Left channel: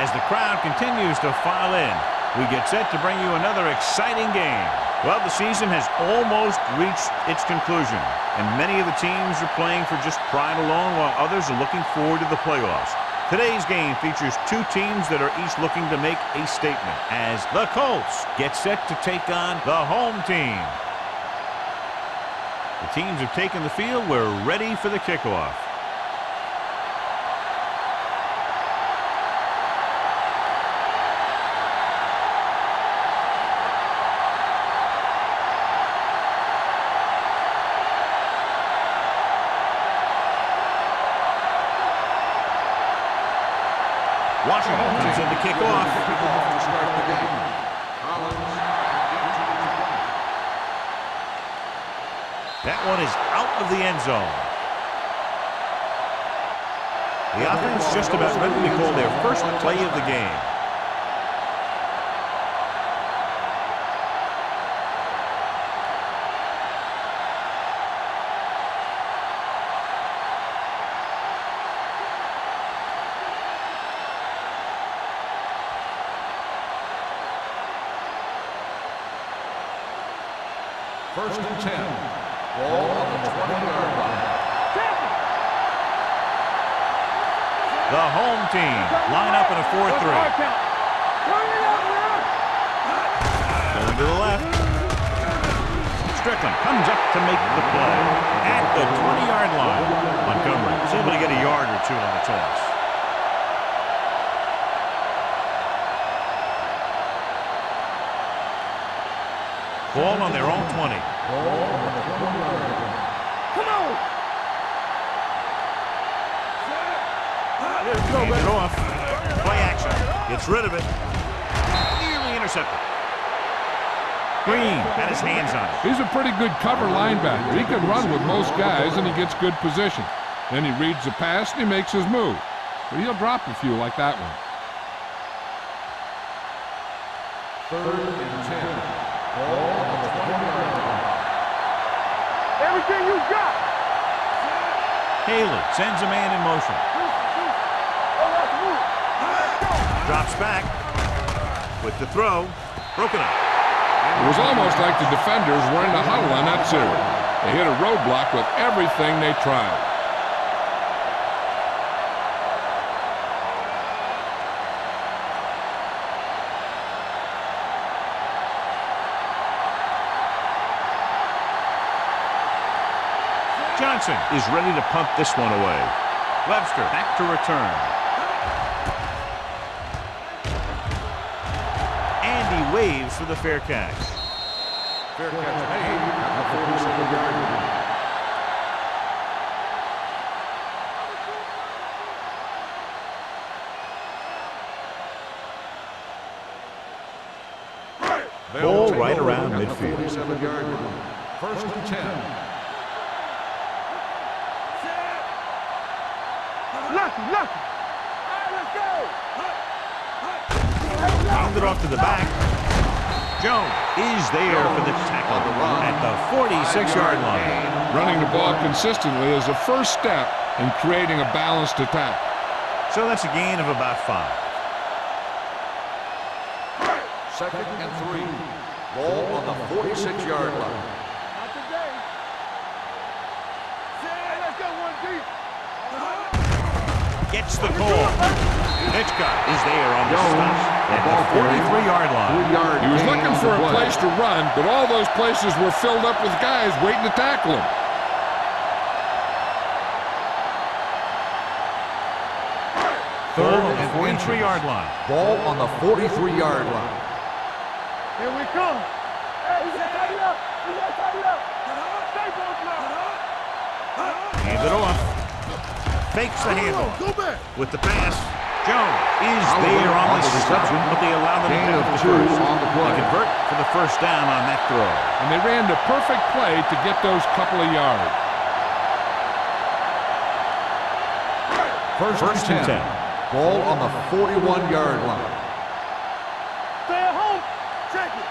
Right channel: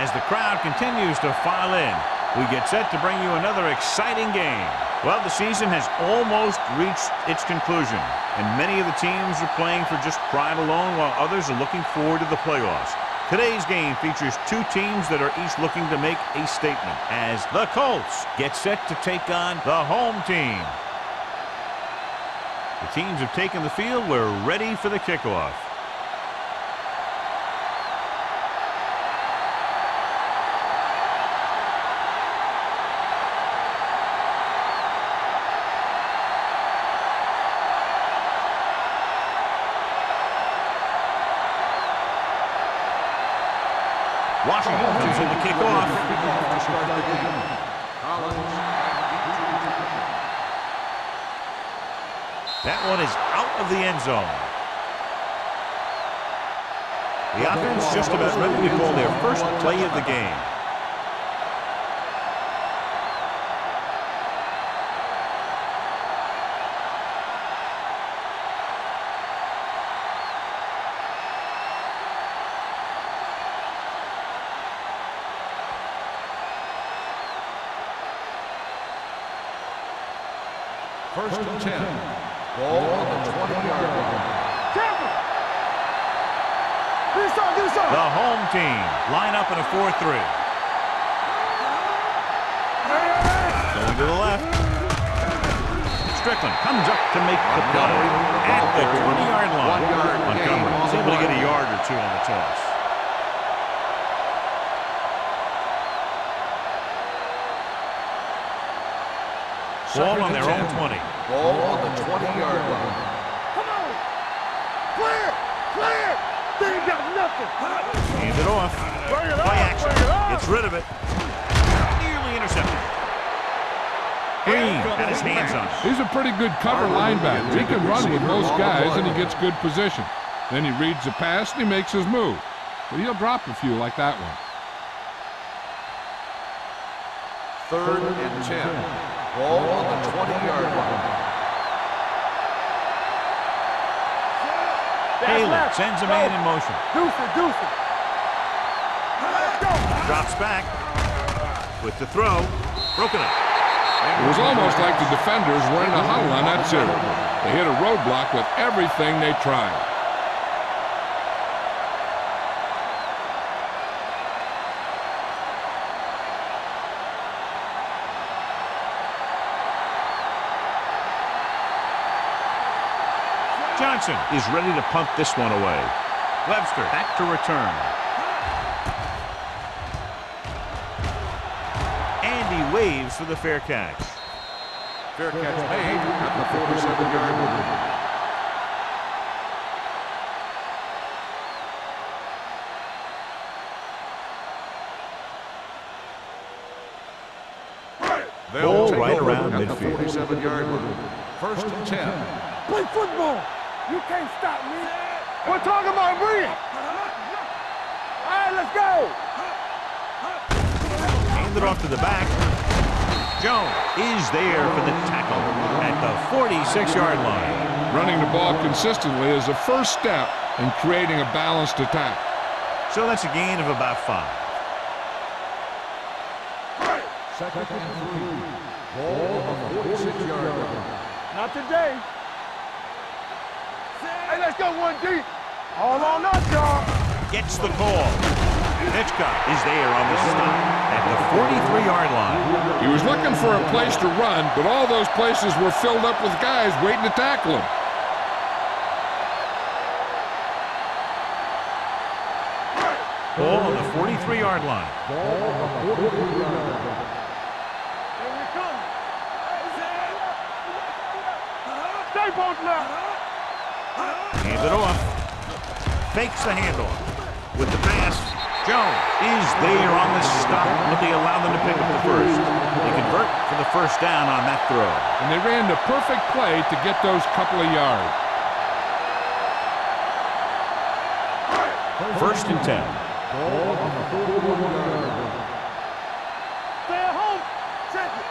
As the crowd continues to file in, we get set to bring you another exciting game. Well, the season has almost reached its conclusion, and many of the teams are playing for just pride alone, while others are looking forward to the playoffs. Today's game features two teams that are each looking to make a statement, as the Colts get set to take on the home team. The teams have taken the field. We're ready for the kickoff. Washington comes in to kick off. To start the game. Collins that one is out of the end zone. The offense just about ready to call their first play of the game. First and 10. Ball on the 20-yard line. The home team line up in a 4-3. Going to the left. Strickland comes up to make the play at the 20-yard line. Montgomery is able to get a yard or two on the toss. Ball on their own 20. Ball on the 20-yard line. Come on! Clear! Clear! They got nothing! Hands it off. Play action. Gets rid of it. Nearly intercepted. Green had his hands on it. He's a pretty good cover linebacker. He can run with most guys, and he gets good position. Then he reads the pass, and he makes his move. But he'll drop a few like that one. Third and 10. Ball on the 20-yard line. Everything you got! Haley sends a man in motion. Drops back with the throw. Broken up. It was almost like the defenders were in a huddle on that series. They hit a roadblock with everything they tried. Johnson is ready to punt this one away. Webster back to return. And he waves for the fair catch. Fair catch made at the 47-yard line. Ball right around at midfield. The 47-yard line. First and 10. Play football! You can't stop me! We're talking about breathing! Nothing! All right, let's go! Hand it off to the back. Jones is there for the tackle at the 46-yard line. Running the ball consistently is the first step in creating a balanced attack. So that's a gain of about 5. Second and 3. Ball on the 46-yard line. Not today. Hey, let's go one deep. All on us, y'all. Gets the call. Hitchcock is there on the stop at the 43-yard line. He was looking for a place to run, but all those places were filled up with guys waiting to tackle him. Ball on the 43-yard line. Ball on the 43-yard line. Here we come. Hey, we got tighten up. We got tighten up. Stay both now. Hands it off. Fakes the handoff. With the pass, Jones is there on the stop, but they allow them to pick up the first. They convert for the first down on that throw. And they ran the perfect play to get those couple of yards. First and 10. Ball on the 41-yard line. Stay at home. Check it.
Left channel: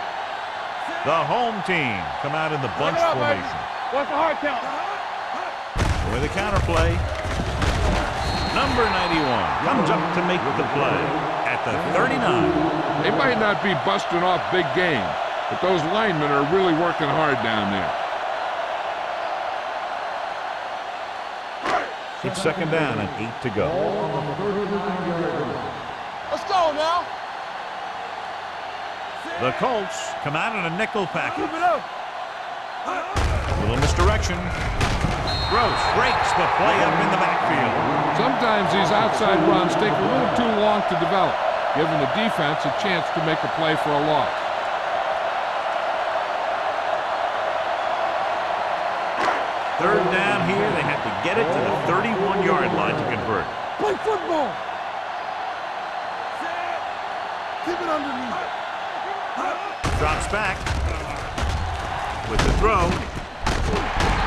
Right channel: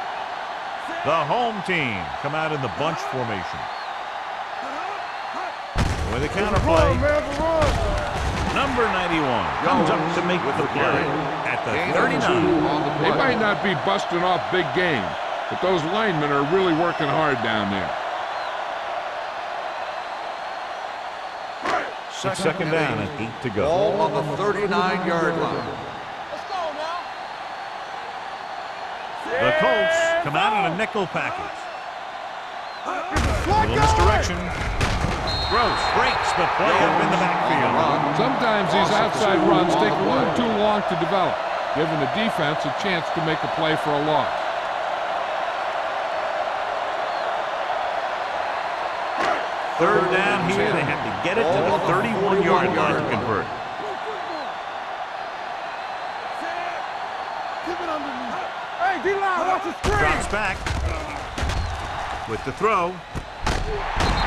The home team come out in the bunch formation. What's the hard count? With a counter play. Number 91 comes up to make the play at the 39. They might not be busting off big games, but those linemen are really working hard down there. It's second down and 8 to go. Ball on the 39-yard line. Let's go now. The Colts come out in a nickel package. A little misdirection. Gross breaks the play up in the backfield. Sometimes these outside runs take a little too long to develop, giving the defense a chance to make a play for a loss. Third down here. They have to get it to the 31-yard line to convert. Play football. Keep it underneath. Hey, D-line. Drops back with the throw.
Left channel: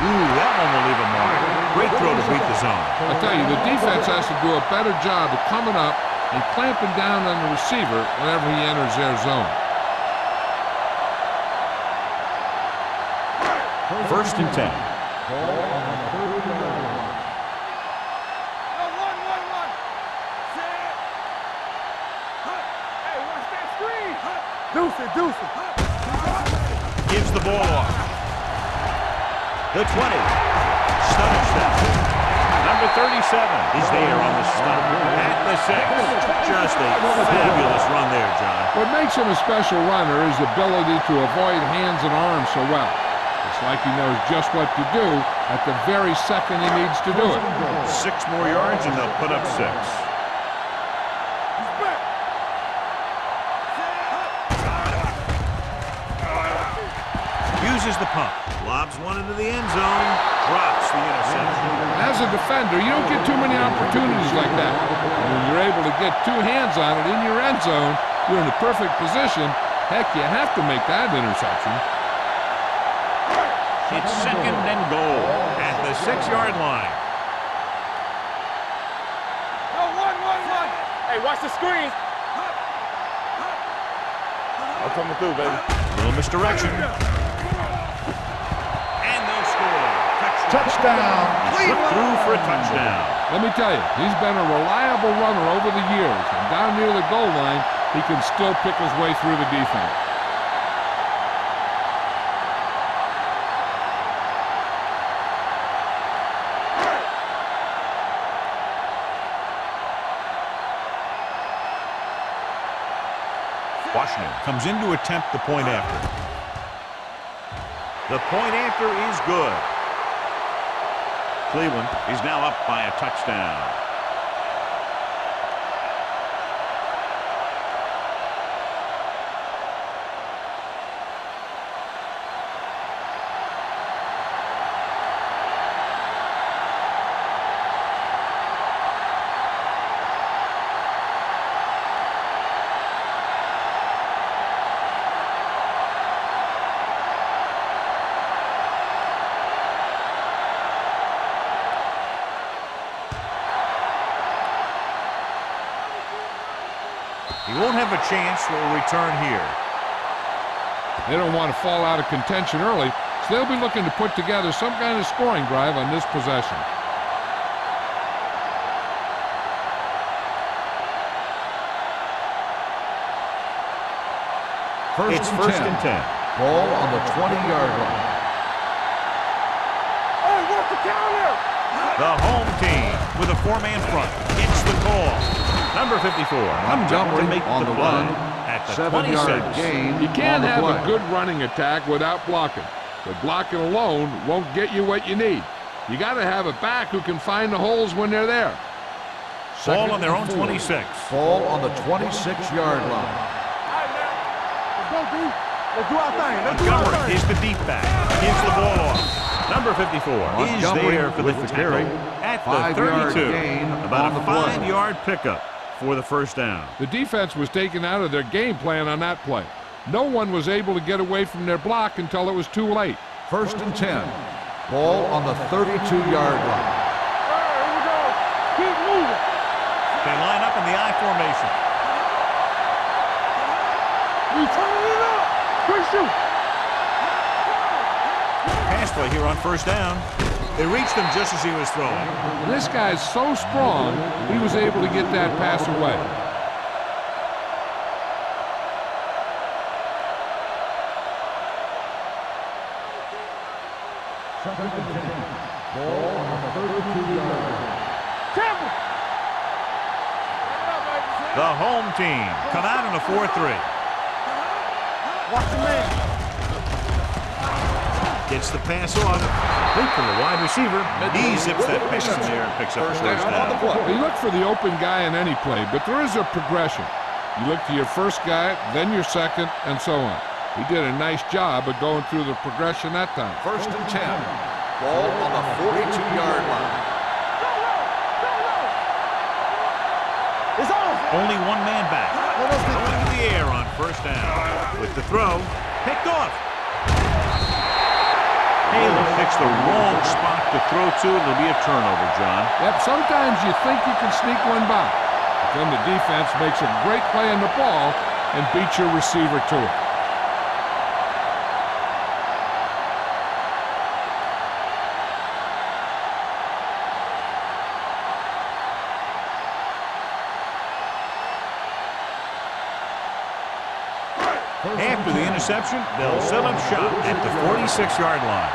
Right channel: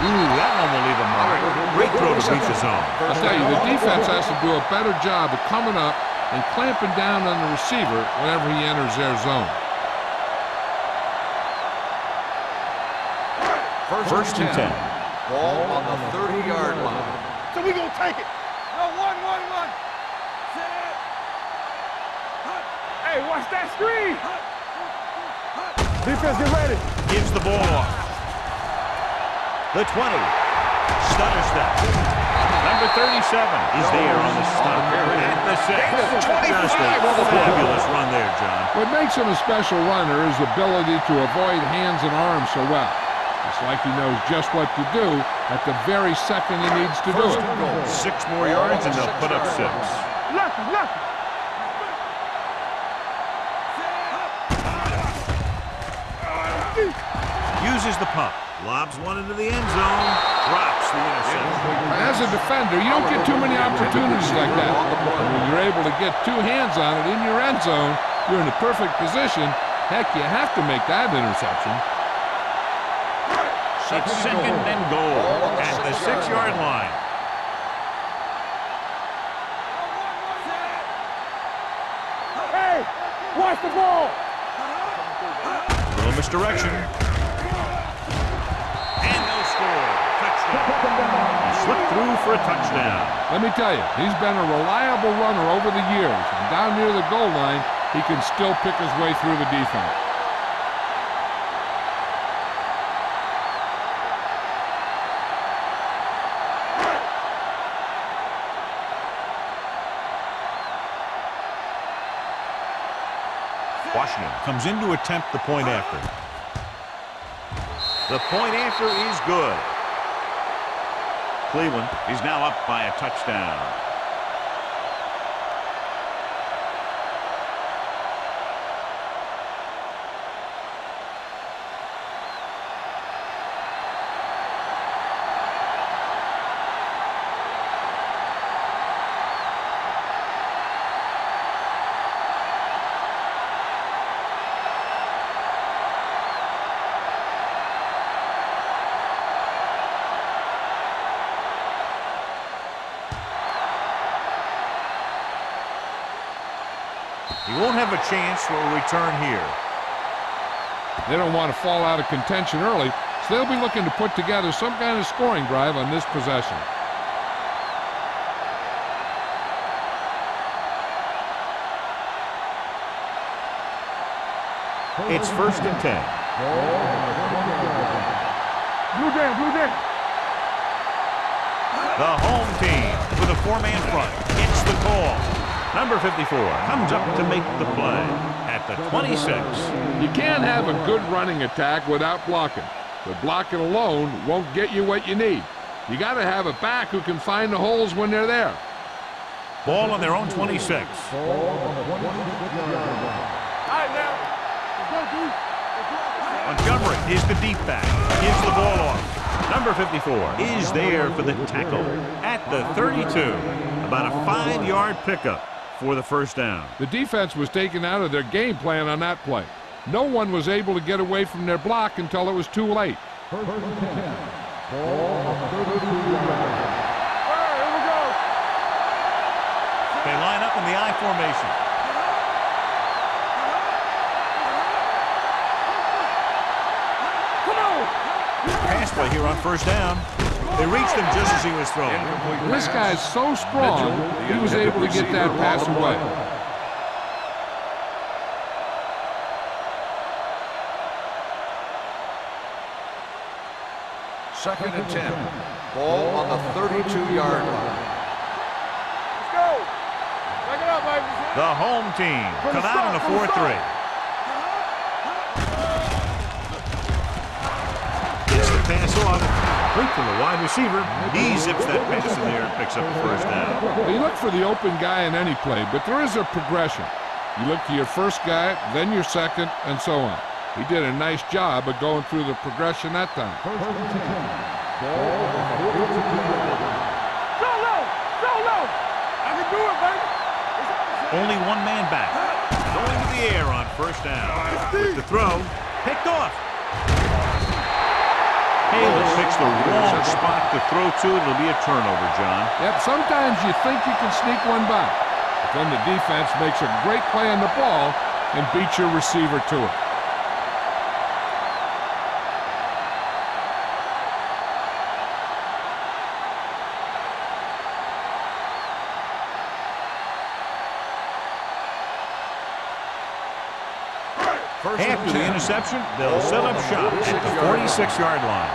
Ooh, that one will leave a mark. Great throw to beat the zone. I'll tell you, the defense has to do a better job of coming up and clamping down on the receiver whenever he enters their zone. First and 10. Ball on the 30-yard line. So we gonna take it. No, one. Set. Hey, watch that screen. Deuce it. Defense is ready. Gives the ball off. The 20. Stunner step. Number 37 is there on the stop. At the 6. Just a fabulous run there, John. What makes him a special runner is the ability to avoid hands and arms so well. It's like he knows just what to do at the very second he needs to do it. 6 more yards and they'll put up 6. Lucky. He's back. Uses the pump. Lobs one into the end zone. Drops the interception. And as a defender, you don't get too many opportunities like that. And when you're able to get 2 hands on it in your end zone, you're in the perfect position. Heck, you have to make that interception. It's second and goal at the 6-yard line. No, one. Hey, watch the screen. Hey, watch the ball. I'm coming through, baby. Little misdirection. And they'll score. Touchdown. He slipped through for a touchdown. Let me tell you, he's been a reliable runner over the years. And down near the goal line, he can still pick his way through the defense. Washington comes in to attempt the point after. The point after is good. Cleveland is now up by a touchdown. He won't have a chance for a return here. They don't want to fall out of contention early, so they'll be looking to put together some kind of scoring drive on this possession. It's first and 10. Ball on the 20-yard line. Blue Jay. Oh, what's the counter? The home team with a 4-man front gets the call. Number 54 comes up to make the play at the 26. You can't have a good running attack without blocking, but blocking alone won't get you what you need. You got to have a back who can find the holes when they're there. Ball on their own 26. Ball on the 26-yard line. All right, now. Let's go, D. Let's go outside. Montgomery is the deep back. Gives the ball off. Number 54 is there for the tackle at the 32. About a 5-yard pickup for the first down. The defense was taken out of their game plan on that play. No one was able to get away from their block until it was too late. First and 10. Ball on the 32-yard line. All right, here we go. Keep moving. They line up in the I formation. We turn it up. Push it. Come on. Pass play here on first down. They reached him just as he was throwing. This guy's so strong, he was able to get that pass away. Second and 10. Ball on the 32-yard line. The home team come out in a 4-3. Gets the pass off. Complete to the wide receiver. He zips that pass in there and picks up a first down. Well, you look for the open guy in any play, but there is a progression. You look to your first guy, then your second, and so on. He did a nice job of going through the progression that time. First and 10. Ball on the 42-yard line. Only one man back. Going to the air on first down. With the throw, picked off. Haley picks the wrong spot to throw to. It'll be a turnover, John. Yep, sometimes you think you can sneak one by, but then the defense makes a great play on the ball and beats your receiver to it. After the interception, they'll set up shop at the 46-yard line.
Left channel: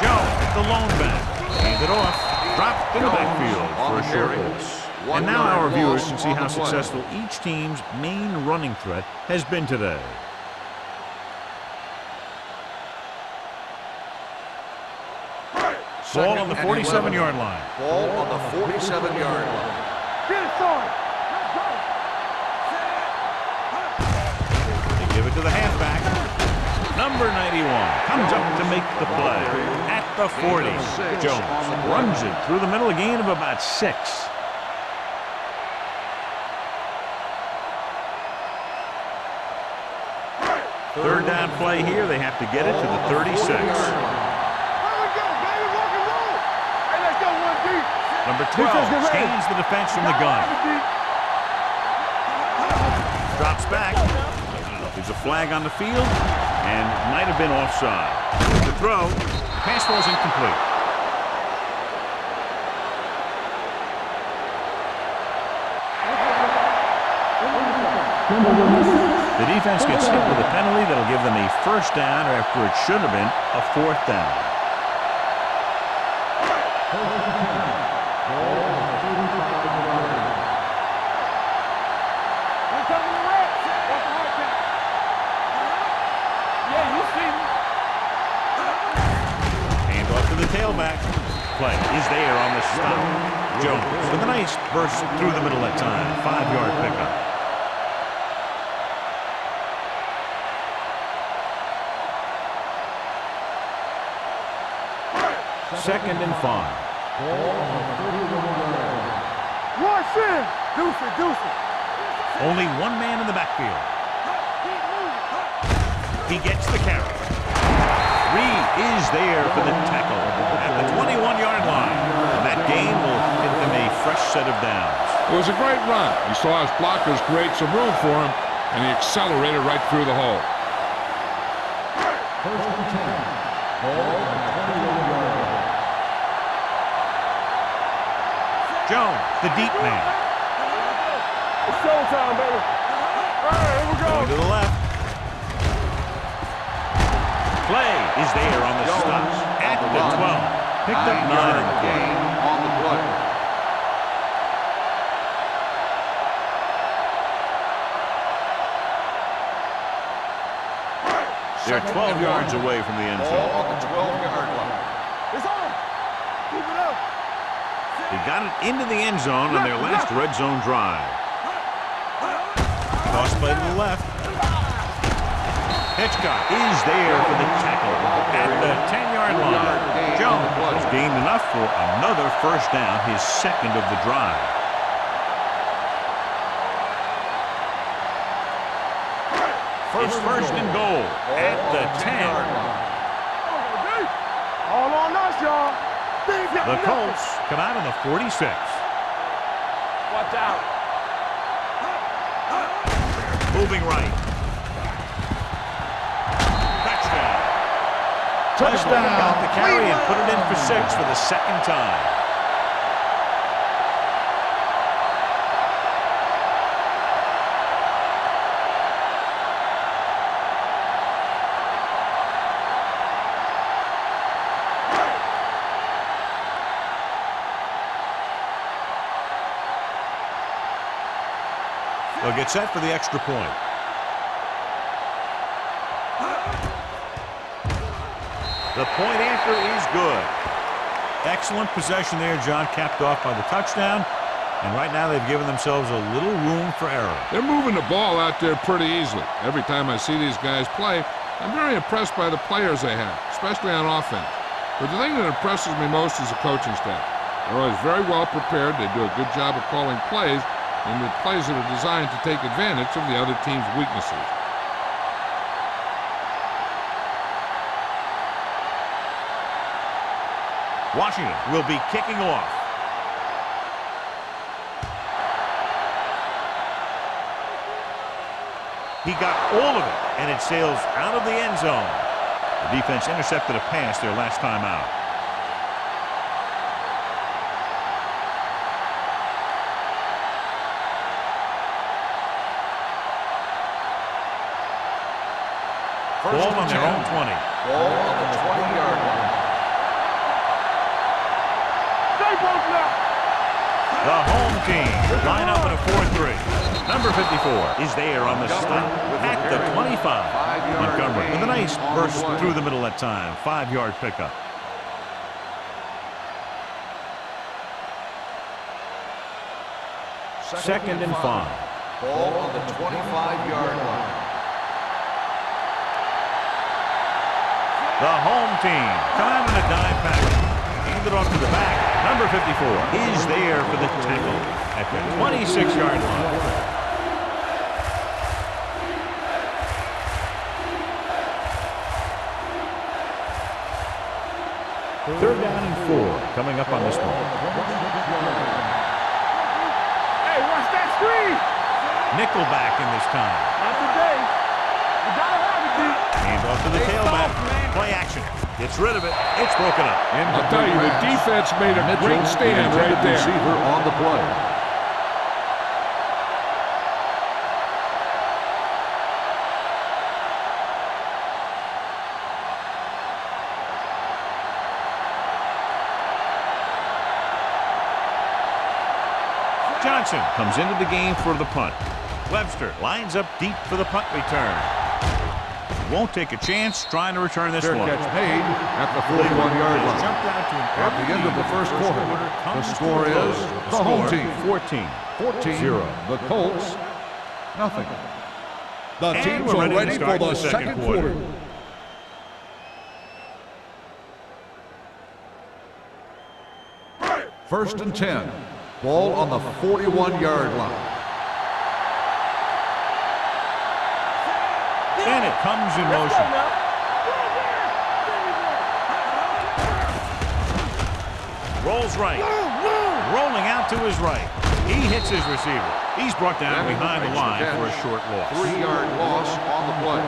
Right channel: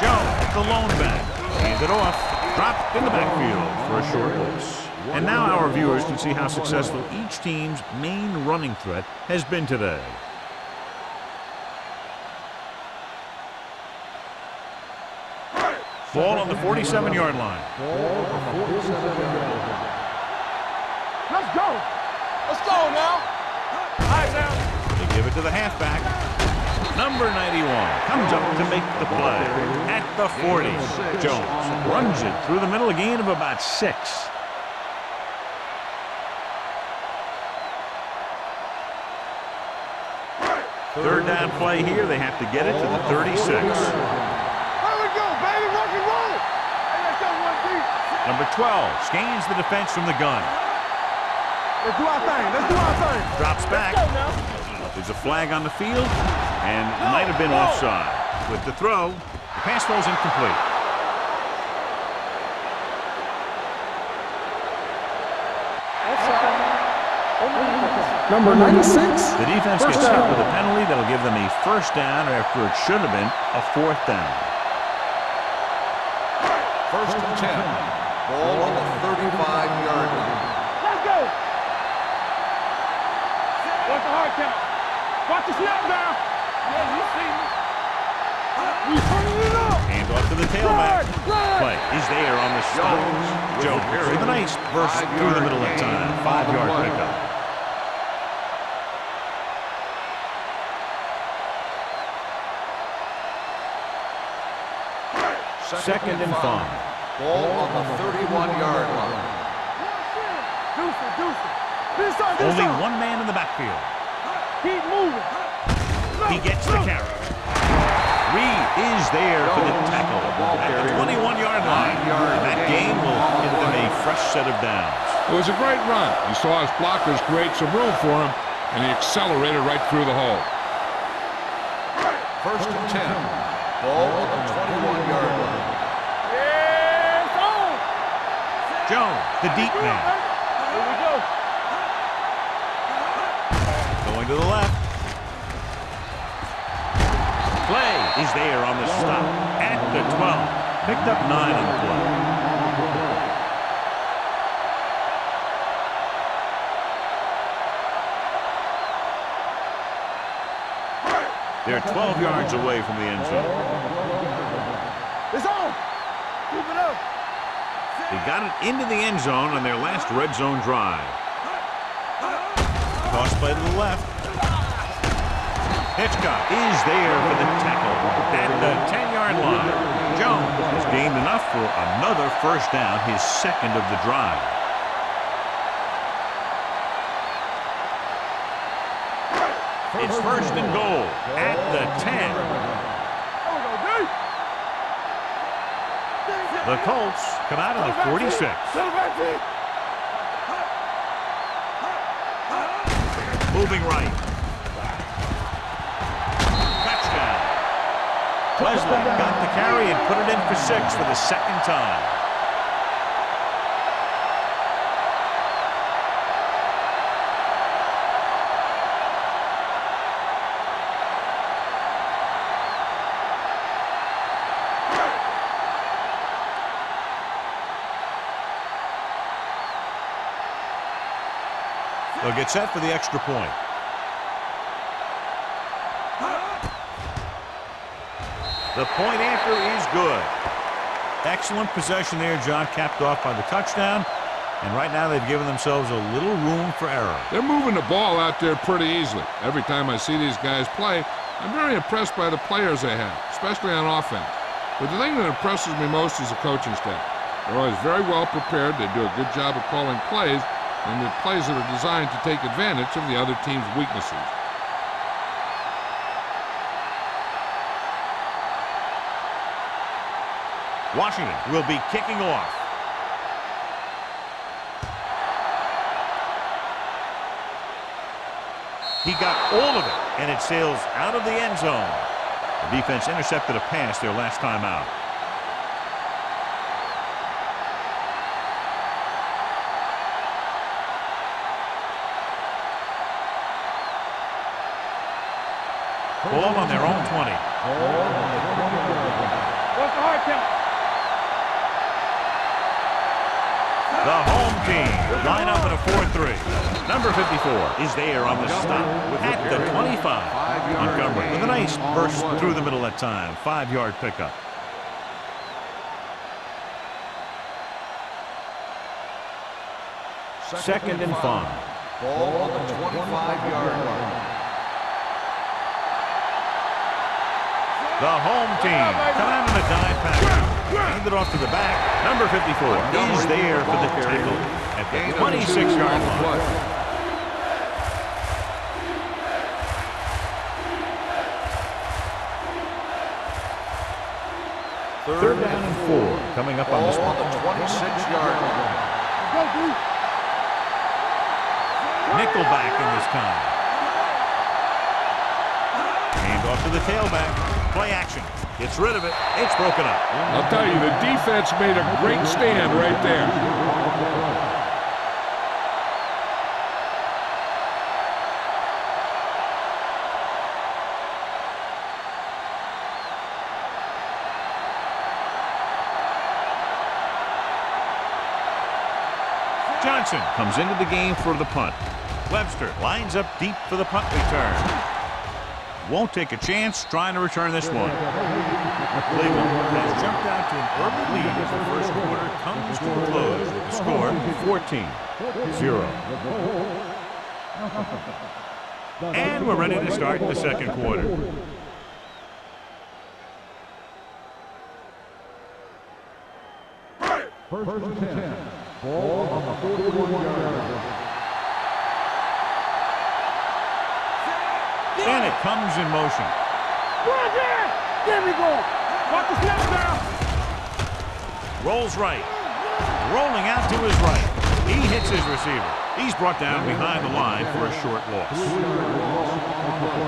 Jones, the lone back, hands it off, dropped in the backfield for a short loss. And now our viewers can see how successful each team's main running threat has been today. Ball on the 47-yard line. Ball on the 47-yard line. Get it started. Let's go. They give it to the halfback. Number 91 comes up to make the play at the 40. Jones runs it through the middle, a gain of about 6. Third down play here. They have to get it to the 36. Here we go, baby. Rock and roll. Hey, let's go one deep. Number 12 scans the defense from the gun. Drops back. There's a flag on the field, and it might have been offside. With the throw, the pass ball's incomplete. Number 96. The defense gets hit with a penalty that'll give them a first down after it should have been a fourth down. First and 10. Ball on the 35-yard line. Watch the hard count. Watch the snap down. Yeah, you see me. Hand off to the tailback. Play is there on the stop. Jones with a nice burst through the middle that time. 5-yard pickup. Second and 5. Ball on the 31-yard line. Watch it. Deuce it, deuce it. Only one man in the backfield. Keep moving. He gets the carry. Reed is there for the tackle at the 21-yard line. And that gain will get them a fresh set of downs. It was a great run. He saw his blockers create some room for him, and he accelerated right through the hole. First and 10. Ball on the 21-yard line. Jones, the deep man. Here we go. It's showtime, baby. Going to the left. Play is there on the stop at the 12. Picked up 9 on the play. On the play. They're 12 yards away from the end Ball zone. on the 12-yard line. It's on. Keep it up. They got it into the end zone on their last red zone drive. Toss play to the left. Hitchcock is there for the tackle at the 10-yard line. Jones has gained enough for another first down, his second of the drive. It's first and goal at the 10. There we go, D. All on us, y'all. The Colts come out of the 46. Watch out. Moving right. Touchdown. Touchdown. Got the carry and put it in for 6 for the second time. They'll get set for the extra point. The point after is good. Excellent possession there, John, capped off by the touchdown. And right now they've given themselves a little room for error. They're moving the ball out there pretty easily. Every time I see these guys play, I'm very impressed by the players they have, especially on offense. But the thing that impresses me most is the coaching staff. They're always very well prepared. They do a good job of calling plays, and the plays that are designed to take advantage of the other team's weaknesses. Washington will be kicking off. He got all of it, and it sails out of the end zone. The defense intercepted a pass their last time out. Ball on their own 20. Ball on the 20-yard line. The home team line up in a 4-3. Number 54 is there on the stop at the 25. Montgomery with a nice burst through the middle that time. 5-yard pickup. Second and 5. Ball on the 25-yard line. The home team come out in a dime package. Hand it off to the back. Number 54 is there for the tackle at the 26-yard line. Third down and 4 coming up on this one. 26-yard line. Hey, watch that screen. Nickelback in this time. Hand off to the tailback. Play action. Gets rid of it. It's broken up. I'll tell you, the defense made a great stand right there. On the play. Johnson comes into the game for the punt. Webster lines up deep for the punt return. Won't take a chance trying to return this one. Cleveland has jumped out to an early lead. The first quarter comes to a close with the score 14-0. The Colts, nothing. And we're ready to start the second quarter. First and 10. Ball on the 41-yard line. And it comes in motion. There we go. Rolls right. Rolling out to his right. He hits his receiver. He's brought down behind the line for a short loss. 3-yard loss on the play.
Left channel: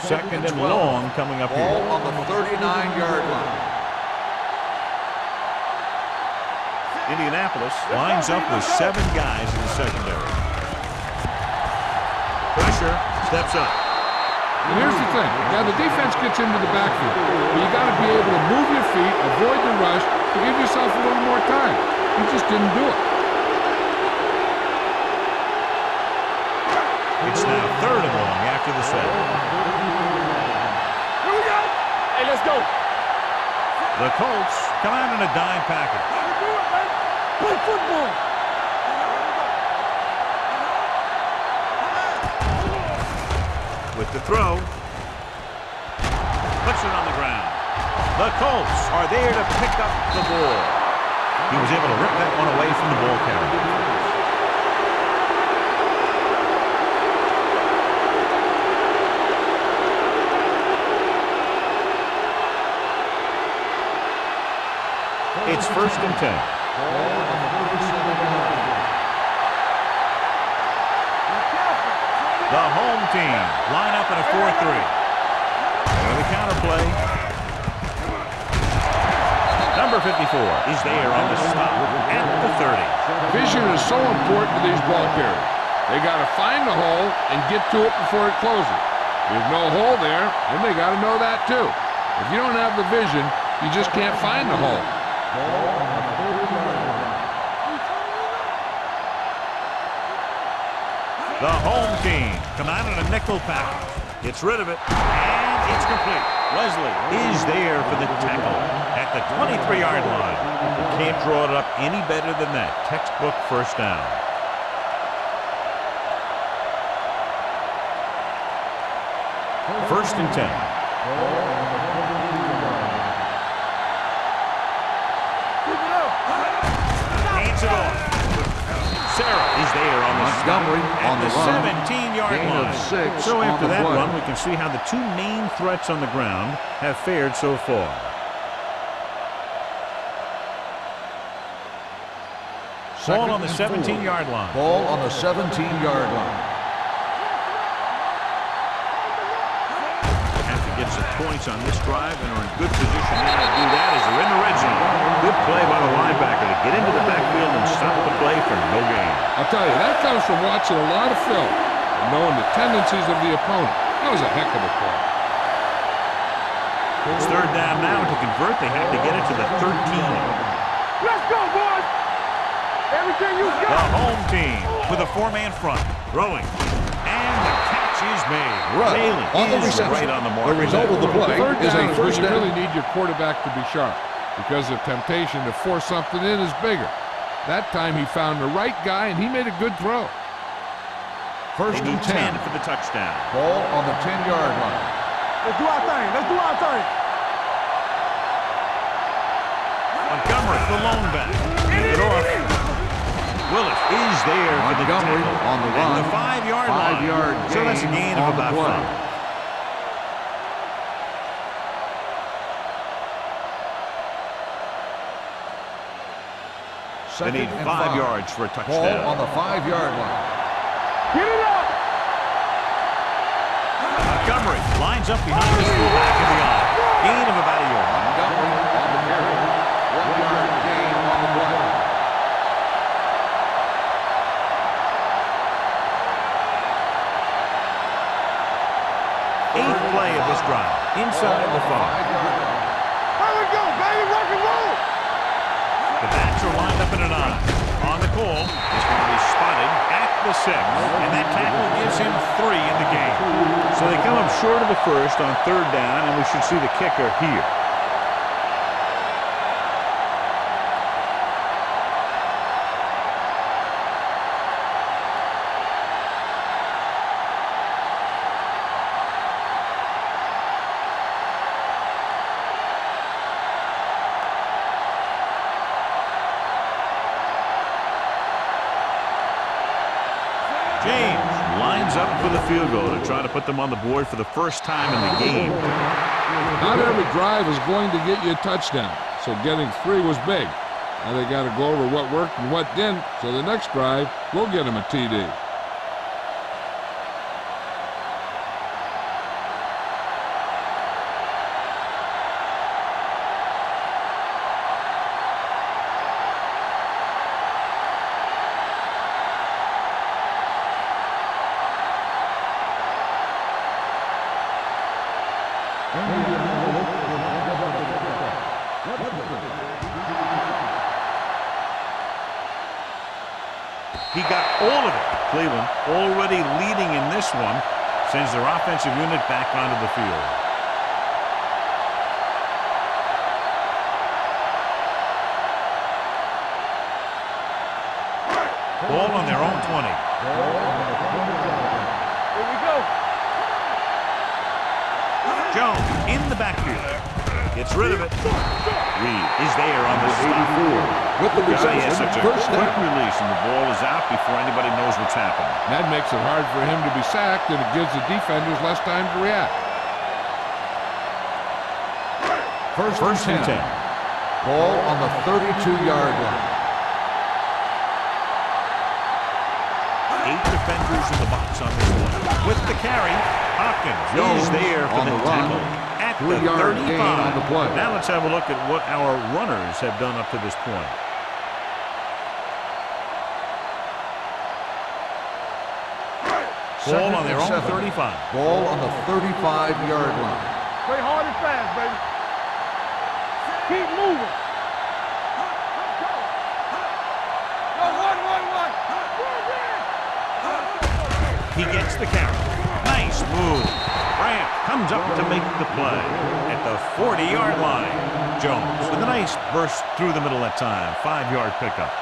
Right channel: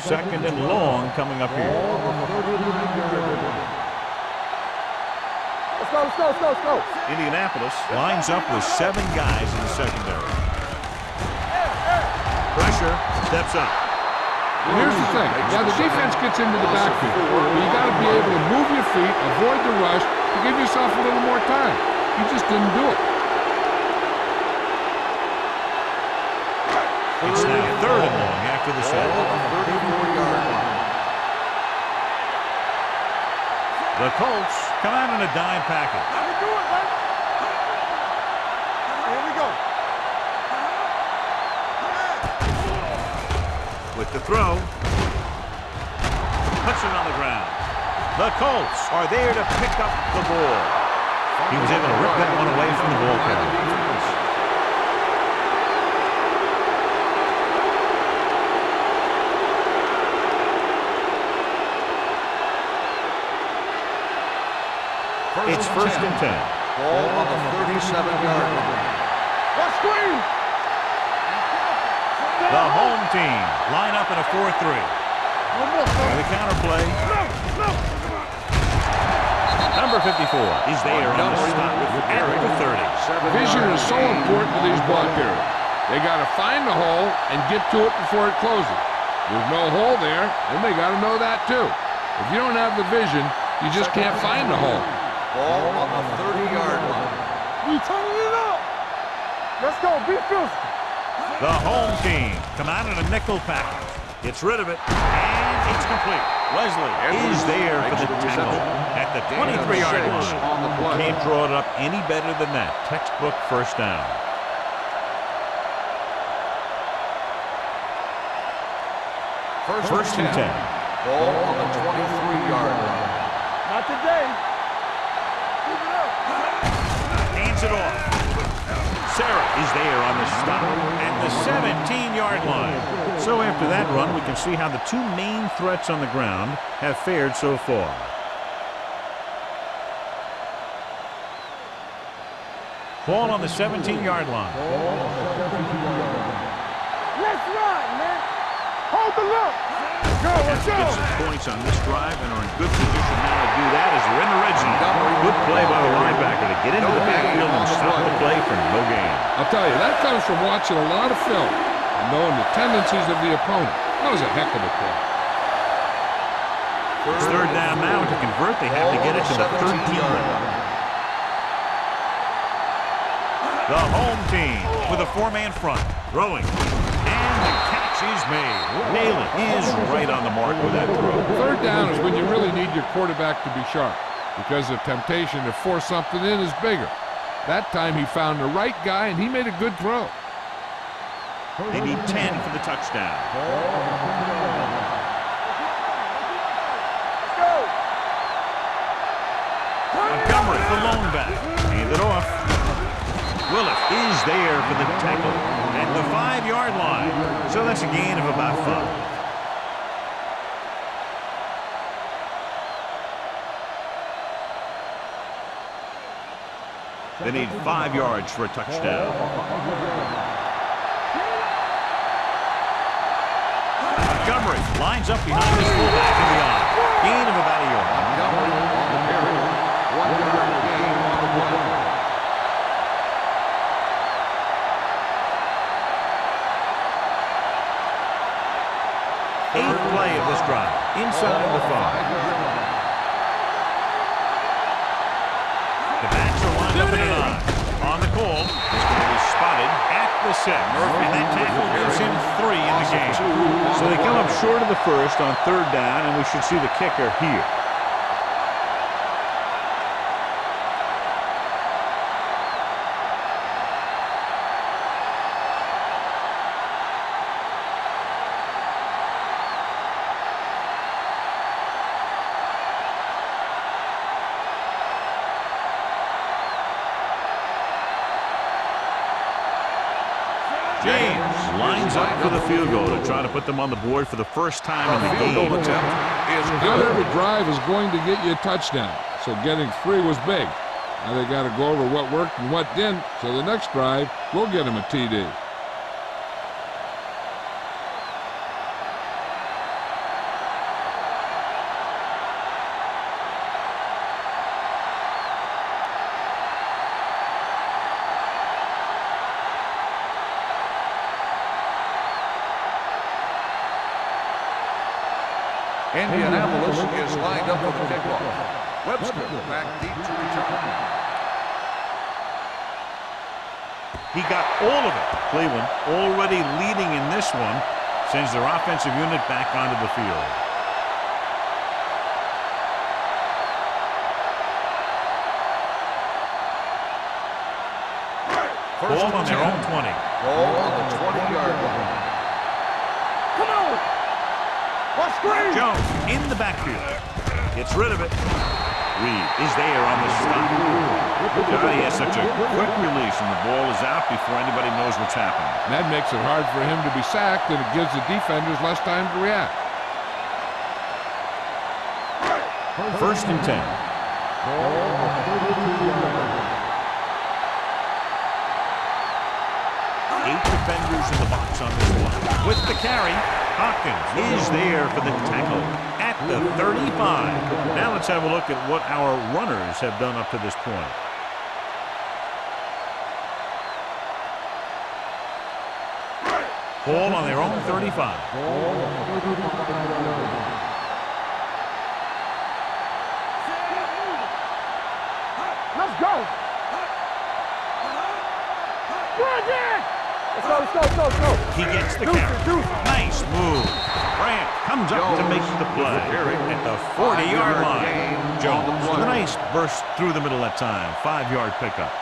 Second and long coming up here. Ball on the 39-yard line. Let's go. Indianapolis lines up with 7 guys in the secondary. Pressure steps up. And here's the thing. Yeah, the defense gets into the backfield, but you got to be able to move your feet, avoid the rush, to give yourself a little more time. He just didn't do it. It's now third and long after the set. Hey, let's go. The Colts come out in a dime package. I can do it, baby. Good football. Here we go. With the throw. Puts it on the ground. The Colts are there to pick up the ball. He was able to rip that one away from the ball carrier. It's first and 10. Ball on the 37-yard line. screen. Be careful. The home team line up in a 4-3. With a counter play. Number 54 is there on the stop at the 30. Vision is so important to these ball carriers. They got to find the hole and get to it before it closes. There's no hole there, and they got to know that too. If you don't have the vision, you just can't find the hole. Ball on the 30-yard line. We turning it up. Let's go. Be fierce. The home team come out in a nickel package. Gets rid of it, and it's complete. Wesley is there for the tackle at the 23-yard line. Can't draw it up any better than that. Textbook first down. First and 10. Ball on the 23-yard line. Not today. Keep it up. Hands it off. Sarah is there on the stop at the 17-yard line. So after that run, we can see how the two main threats on the ground have fared so far. Ball on the 17-yard line. Ball on the 17-yard line. They have to get some points on this drive and are in good position now to do that as they're in the red zone. Good play by the linebacker to get into the backfield and stop the play for no gain. I'll tell you, that comes from watching a lot of film and knowing the tendencies of the opponent. That was a heck of a play. It's third down now. To convert, they have to get it to the 13. Let's go, boys. Everything you got. The home team with a four-man front. Throwing. And the catch is made. Haley is right on the mark with that throw. Third down is when you really need your quarterback to be sharp because the temptation to force something in is bigger. That time he found the right guy and he made a good throw. They need 10 for the touchdown. Ball on the 10-yard line. Let's do our thing. Let's do our thing. Go. Montgomery, the lone back. Hand it off. Willis is there for the tackle at the 5-yard line. So that's a gain of about 5. They need 5 yards for a touchdown. Ball on the 5-yard line. Get it up. Montgomery lines up behind his fullback in the eye. Gain of about a yard. Montgomery on the carry. 1-yard gain on the play. Eighth play of this drive. Inside the 5. 5-yard line. There we go, baby. Rock and roll. The backs are lined up in an eye. On the call, he's going to be spotted at the 6. And that tackle gives him 3 in the game. So they come up short of the first on third down, and we should see the kicker here. James lines up for the field goal to try to put them on the board for the first time in the game. Not every drive is going to get you a touchdown, so getting 3 was big. Now they got to go over what worked and what didn't, so the next drive will get them a TD. Indianapolis is lined up for the kickoff. Webster back deep to return. He got all of it. Cleveland already leading in this one, sends their offensive unit back onto the field. Ball on their own 20. Ball on the 20-yard line. Here we go. Come on. Watch screen. Jones in the backfield. Gets rid of it. Reed is there on the stop. Johnny has such a quick release, and the ball is out before anybody knows what's happening. That makes it hard for him to be sacked, and it gives the defenders less time to react. First and 10. Ball on the 32-yard line. defenders in the box on this one. With the carry, Hopkins is there for the tackle at the 35. Now let's have a look at what our runners have done up to this point. Ball on their own 35. Ball on the 35-yard line. Play hard and fast, baby. Keep moving. Let's go. Go. He gets the carry. Nice move. Grant comes up to make the play at the 40-yard line. Jones with a nice burst through the middle that time. 5-yard pickup.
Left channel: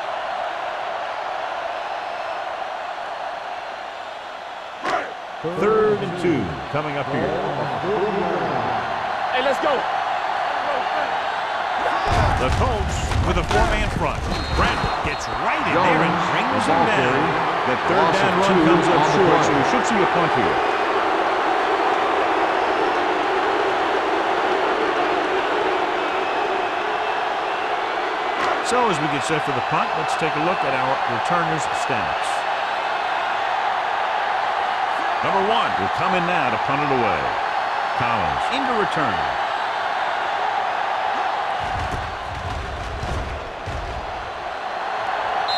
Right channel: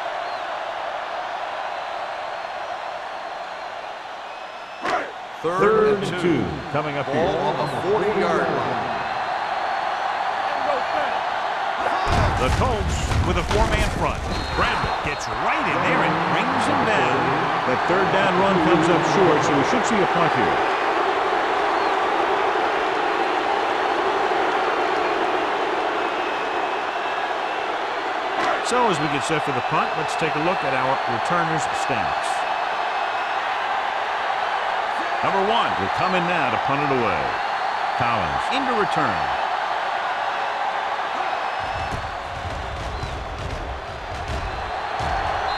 Third and 2 coming up here. Ball on the 40-yard line. Hey, let's go. Let's go fast. The Colts with a 4-man front. Bradley gets right in there and brings him down. That third down run comes up short, so we should see a punt here. So as we get set for the punt, let's take a look at our returners' stats. Number 1 will come in now to punt it away. Collins into return.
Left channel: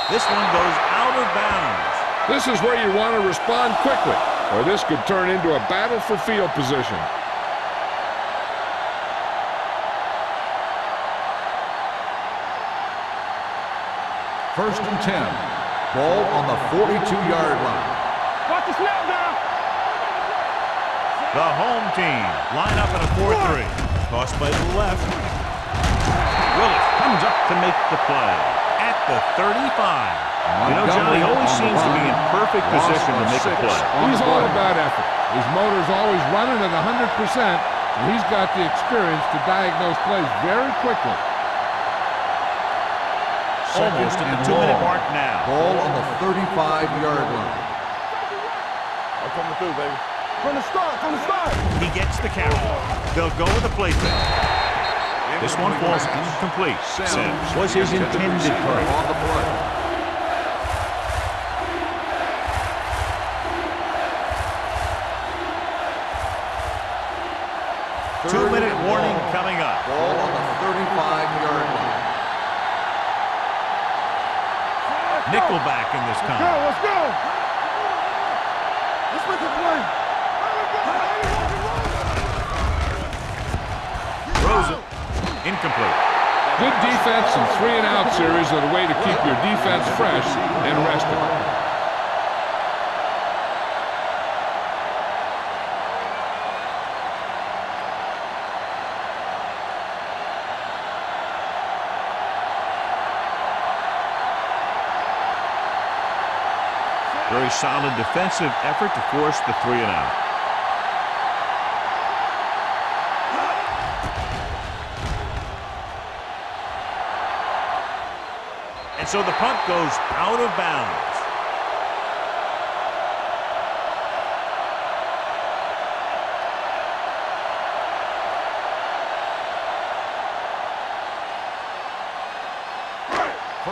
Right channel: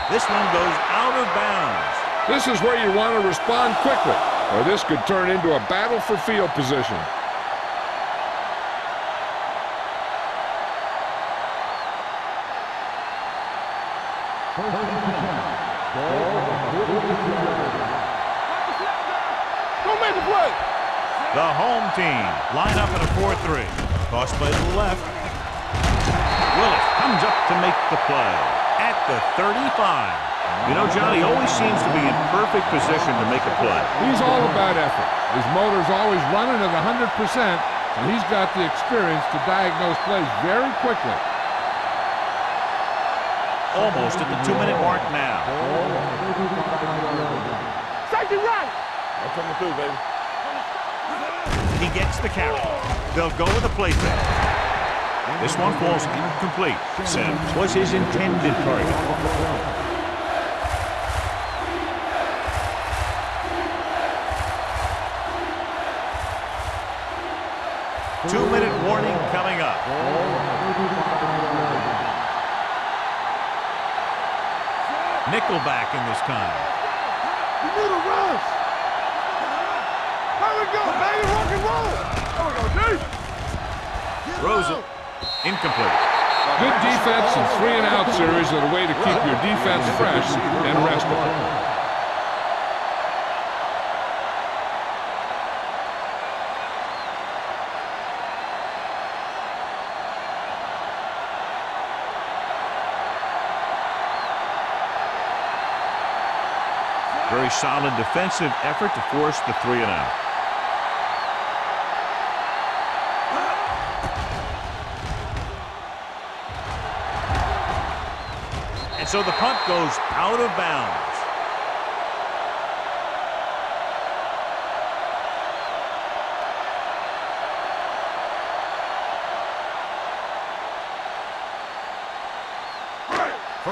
This one goes out of bounds. This is where you want to respond quickly, or this could turn into a battle for field position. First and 10. Ball on the 42-yard line. Watch the snap down. Don't make the play. The home team line up in a 4-3. Toss play to the left. Willis comes up to make the play at the 35. You know, John, he always seems to be in perfect position to make a play. He's all about effort. His motor's always running at 100%, and he's got the experience to diagnose plays very quickly. Almost at the 2-minute mark now. Ball on the 35-yard line. Take it right. I'm coming through, baby. From the start. He gets the carry. They'll go with the play fake. This one falls incomplete. Sims was his intended target. On the play. 2-minute warning coming up. Ball on the 35-yard line. Nickelback in this time. Let's go. You move the rules. Let's make a play. There we go, baby. Rock and roll. Throws it. Incomplete. Good defense and 3-and-out series are the way to keep your defense fresh and rested. Very solid defensive effort to force the 3-and-out. And so the punt goes out of bounds.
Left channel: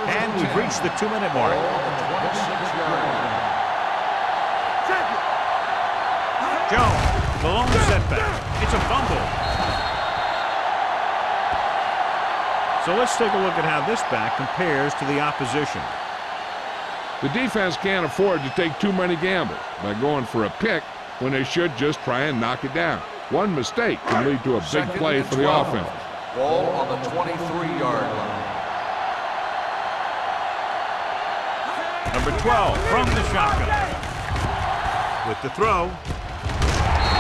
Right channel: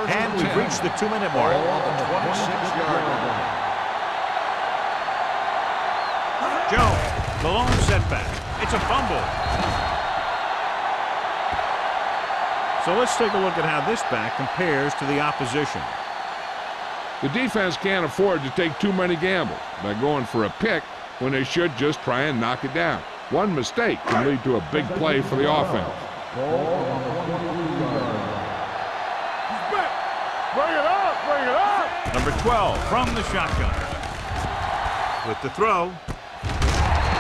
And we've reached the 2-minute mark. Ball on the 26-yard line. Jones, the lone setback. It's a fumble. So let's take a look at how this back compares to the opposition. The defense can't afford to take too many gambles by going for a pick when they should just try and knock it down. One mistake can lead to a big play for the offense. Ball on the 23-yard line. Number 12 from the shotgun. With the throw.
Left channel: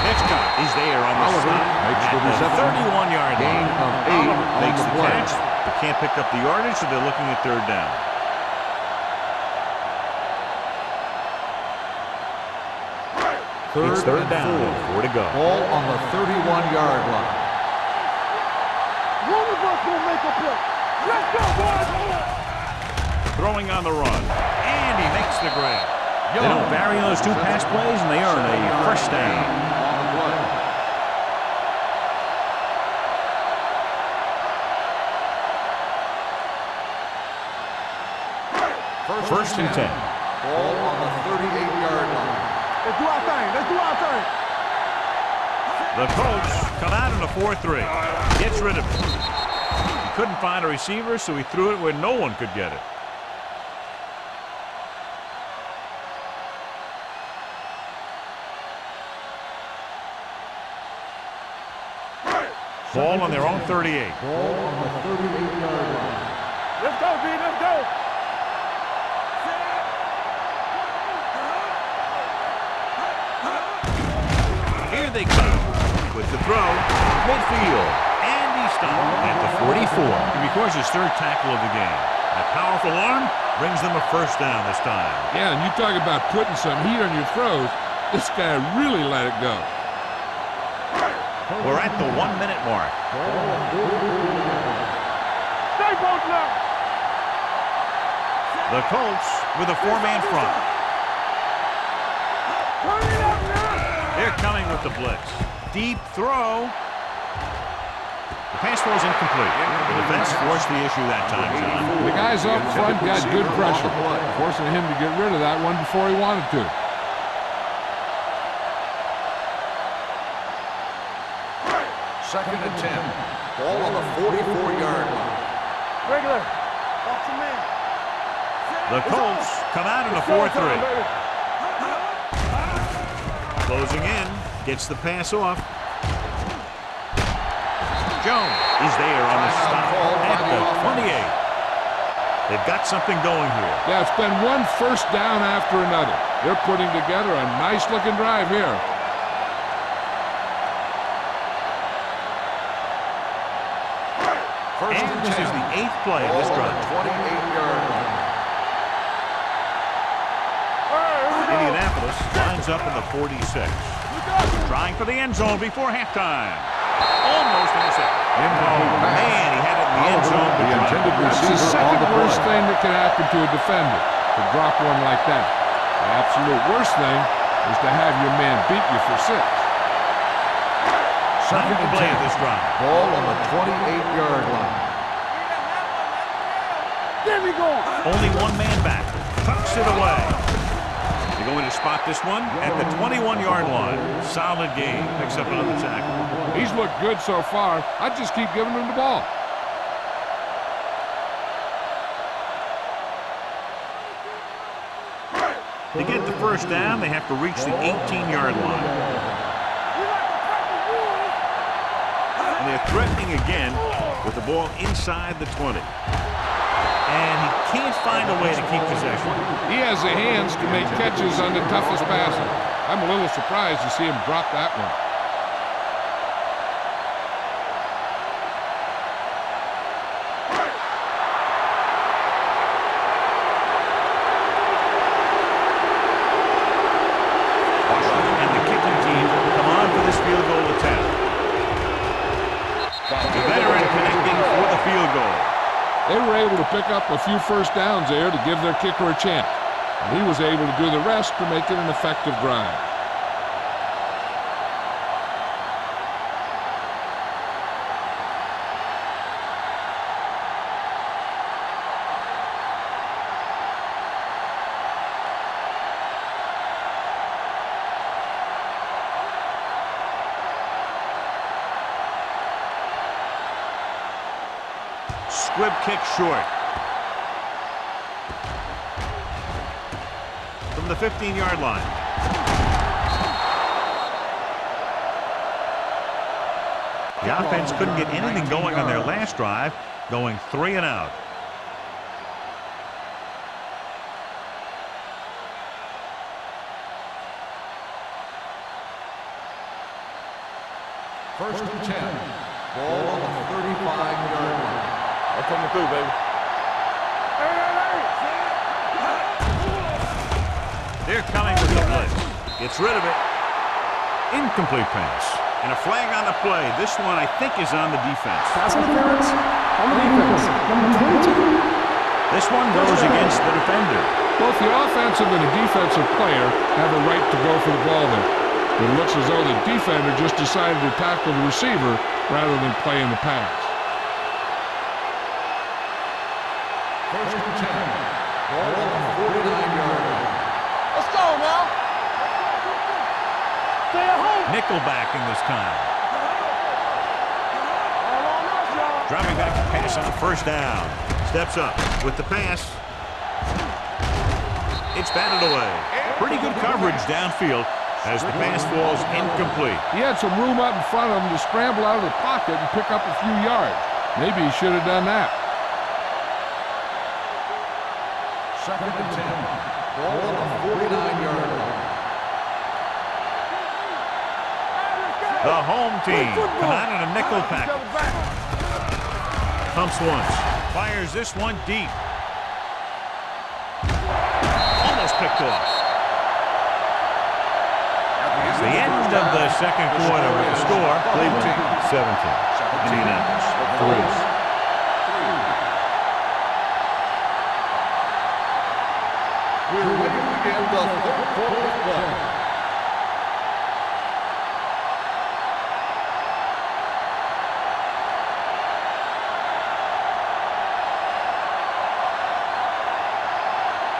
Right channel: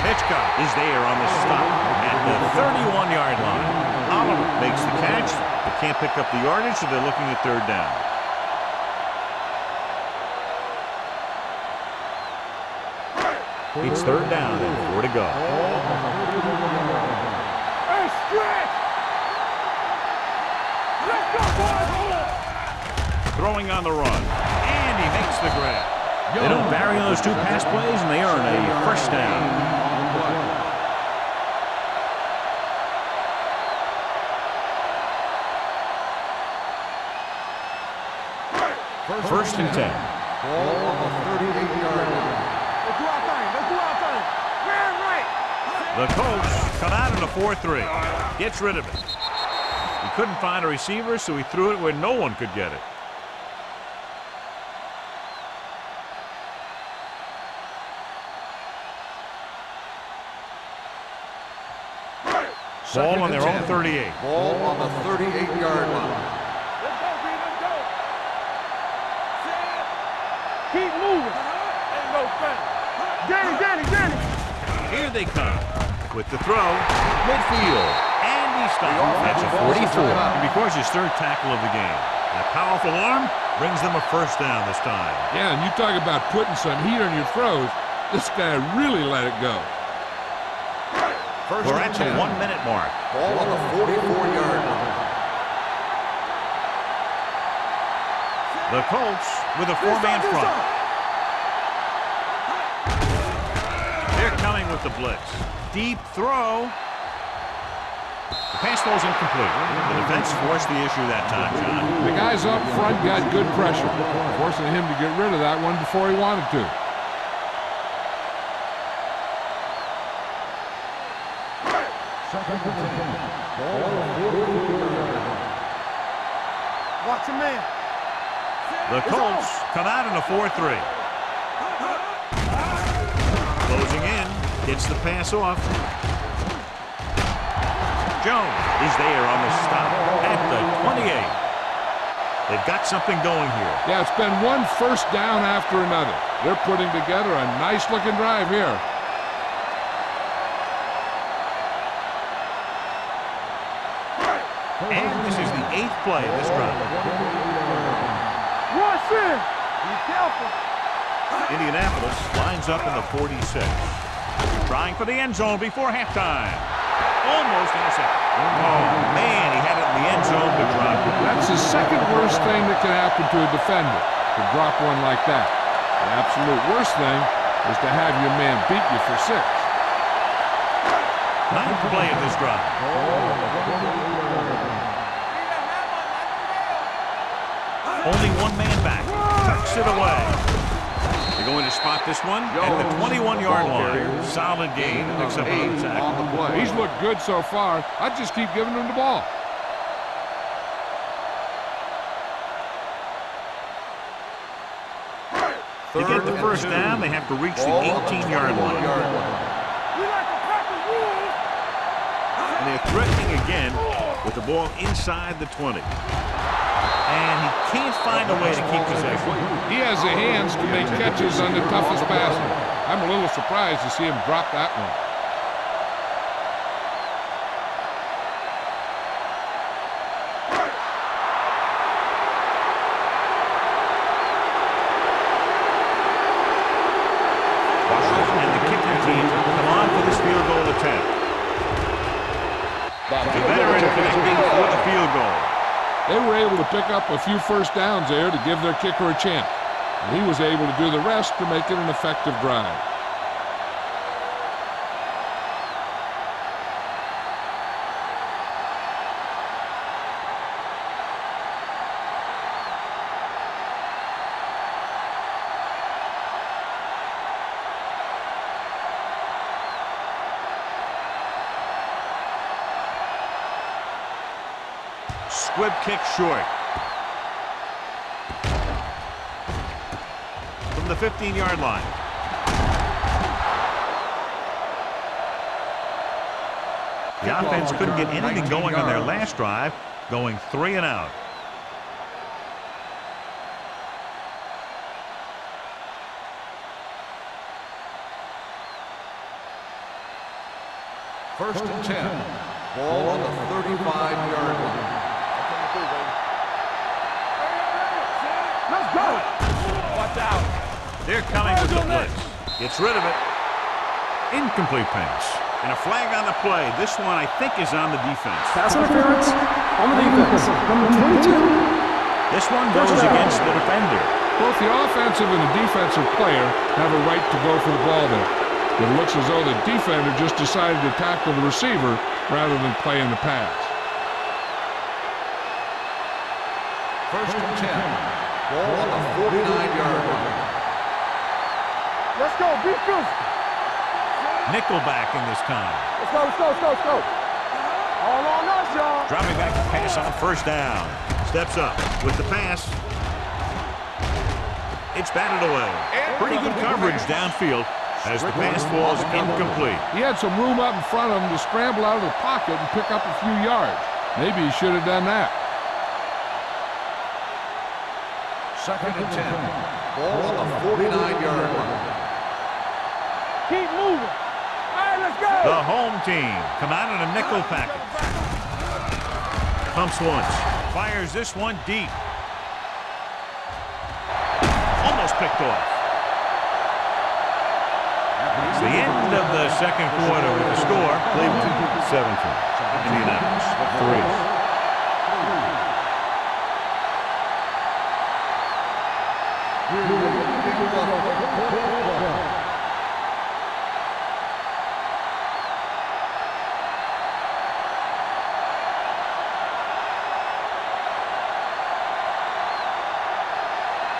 Hitchcock is there on the stop at the 31-yard line. Oliver makes the catch, but can't pick up the yardage, so they're looking at third down. It's third down and 4 to go. Ball on the 31-yard line. Let's go, boys. Throwing on the run, and he makes the grab. They don't vary those two pass plays, and they earn a first down. On the play. First and 10. Ball on the 38-yard line. Let's do our thing. Let's do our thing. The Colts come out in a 4-3. Gets rid of it. He couldn't find a receiver, so he threw it where no one could get it. Ball on their own 38. Ball on the 38-yard line. Let's go, B. Let's go. Keep moving. Get it. Here they come with the throw, midfield, and he stopped. That's a 44. And because his third tackle of the game. That powerful arm brings them a first down this time. Yeah, and you talk about putting some heat on your throws. This guy really let it go. We're at the 1 minute mark. Ball on the 44-yard line. Stay both now. The Colts with a four-man front. They're coming with the blitz. Deep throw. The pass was incomplete. The defense forced the issue that time, John. The guys up front got good pressure, forcing him to get rid of that one before he wanted to. Second and 10. Ball on the 44-yard line. Regular. Watch your man. The Colts come out in a 4-3. Closing in. Gets the pass off. Jones is there on the stop at the 28. They've got something going here. Yeah, it's been one first down after another. They're putting together a nice-looking drive here. And this is the 8th play of this drive. 28-yard line. Watch it. Be careful. Indianapolis lines up in the 46. Trying for the end zone before halftime. Almost intercepted. Oh, man, he had it in the end zone, but dropped it. That's the second worst thing that can happen to a defender, to drop one like that. The absolute worst thing is to have your man beat you for 6. 9th play of this drive. Ball on the 28-yard line. There we go. Only one man back. Tucks it away. They're going to spot this one at the 21-yard line. Solid gain. Picks up another tackle. He's looked good so far. I'd just keep giving him the ball. To get the first down, they have to reach the 18-yard line. We like to practice rules. And they're threatening again with the ball inside the 20. And he can't find a way to keep possession. He has the hands to make catches on the toughest passes. I'm a little surprised to see him drop that one. Washington and the kicking team come on for this field goal attempt. The veteran connecting for the field goal. They were able to pick up a few first downs there to give their kicker a chance. And he was able to do the rest to make it an effective drive. Squib kick short. From the 15-yard line. The offense couldn't get anything going on their last drive, going 3 and out. First and 10. Ball on the 35-yard line. I'm coming through, baby. Hey. Let's go. They're coming with the blitz. Gets rid of it. Incomplete pass. And a flag on the play. This one, I think, is on the defense. Pass interference on the defense. Number 22. This one goes against the defender. Both the offensive and the defensive player have a right to go for the ball there. But it looks as though the defender just decided to tackle the receiver rather than play in the pass. First and 10. Ball on the 49-yard line. Let's go now. Let's go. Be physical. Nickelback in this time. Let's go, let's go, let's go, let's go. All on us, y'all. Dropping back to pass on first down. Steps up with the pass. It's batted away. Pretty good coverage downfield as the pass falls incomplete. He had some room up in front of him to scramble out of the pocket and pick up a few yards. Maybe he should have done that. 2nd and 10. Ball on the 49-yard line. Keep moving. All right, let's go. The home team come out in a nickel package. Pumps once. Fires this one deep. Almost picked off. It's the end of the second quarter with the score. Cleveland 17. Indianapolis 3. We're ready to begin the 3rd quarter of play.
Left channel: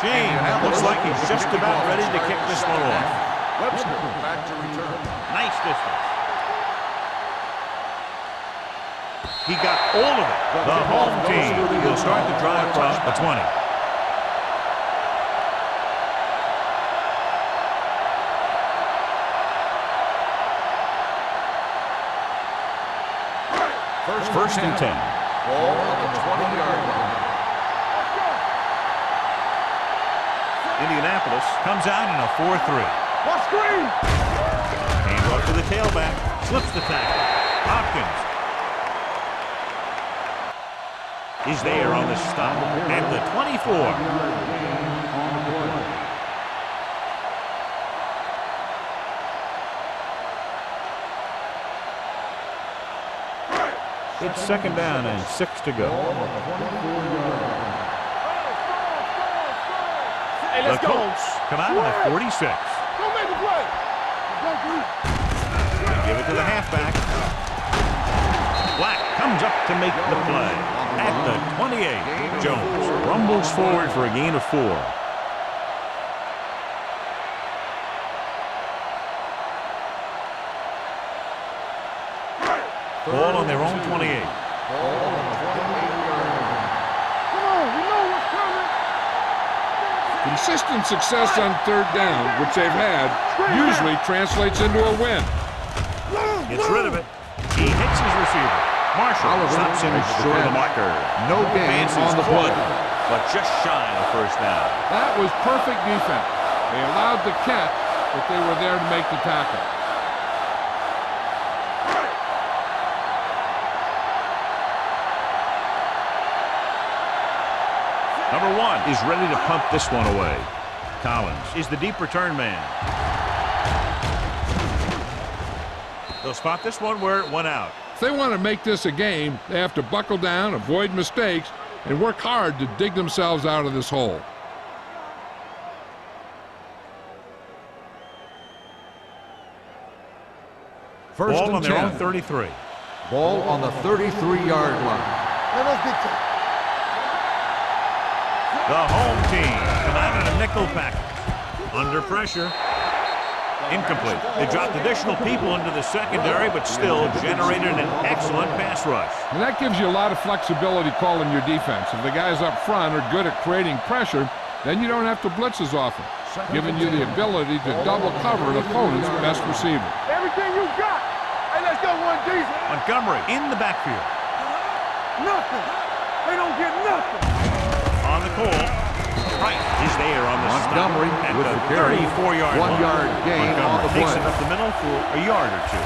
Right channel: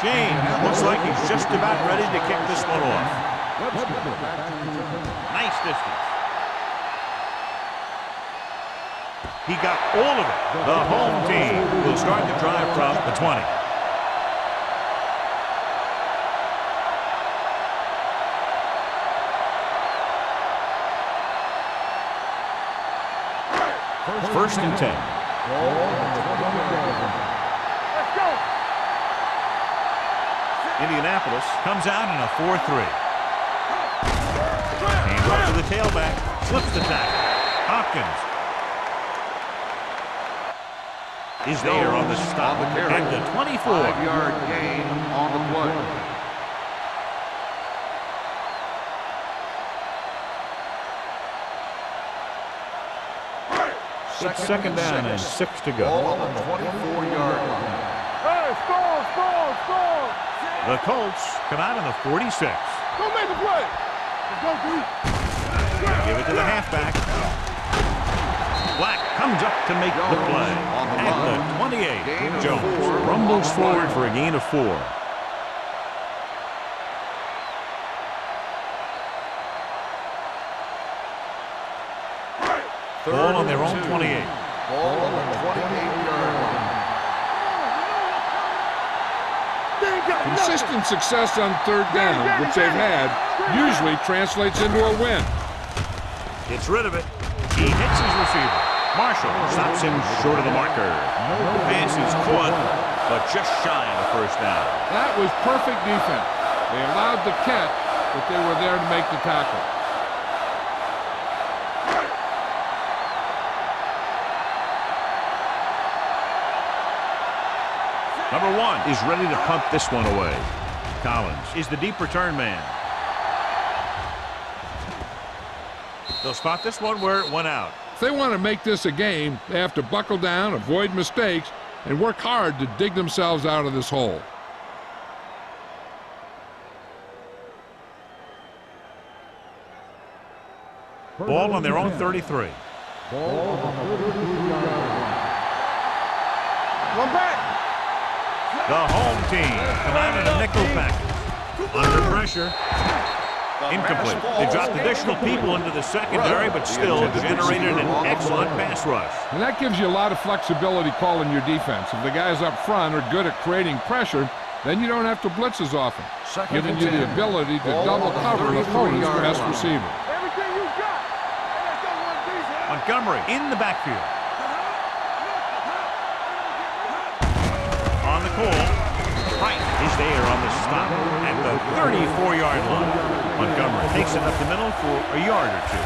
Gene looks like he's just about ready to kick this one off. Webster back to return. Nice distance. He got all of it. The home team will start the drive from the 20. First and 10. Ball on the 20-yard line. Let's go. Indianapolis comes out in a 4-3. Let's screen. Hand off to the tailback. Slips the tackle. Hopkins is there on the stop at the 24. Yard gain on the play. It's 2nd down and 6 to go. Ball on the 24-yard line. Hey, score. The Colts come out in the 46. Go make a play. Let's go, dude. Give it to the halfback. Black comes up to make the play at the 28. Jones rumbles forward for a gain of 4. Ball on their own 28. Ball on the 28-yard line. Come on, we know what's coming. Consistent success on 3rd down, which they've had, usually translates into a win. Gets rid of it. He hits his receiver. Marshall stops him short of the marker. No The gain pass on is the caught, play. but just shy of the 1st down. That was perfect defense. They allowed the catch, but they were there to make the tackle. Number 1 is ready to punt this one away. Collins is the deep return man. They'll spot this one where it went out. If they want to make this a game, they have to buckle down, avoid mistakes, and work hard to dig themselves out of this hole. Ball on their own 33. Ball on the 33-yard line. One back. The home team come out in a nickel package. Under pressure. Incomplete. They dropped additional people into the secondary, but still generated an excellent pass rush. And that gives you a lot of flexibility calling your defense. If the guys up front are good at creating pressure, then you don't have to blitz as often, giving you the ability to double cover an opponent's best receiver. Everything you got. Hey, let's go, 1D. Montgomery in the backfield. They don't get nothing. On the call. Price is there on the stop at the 34-yard line. Montgomery takes it up the middle for a yard or 2.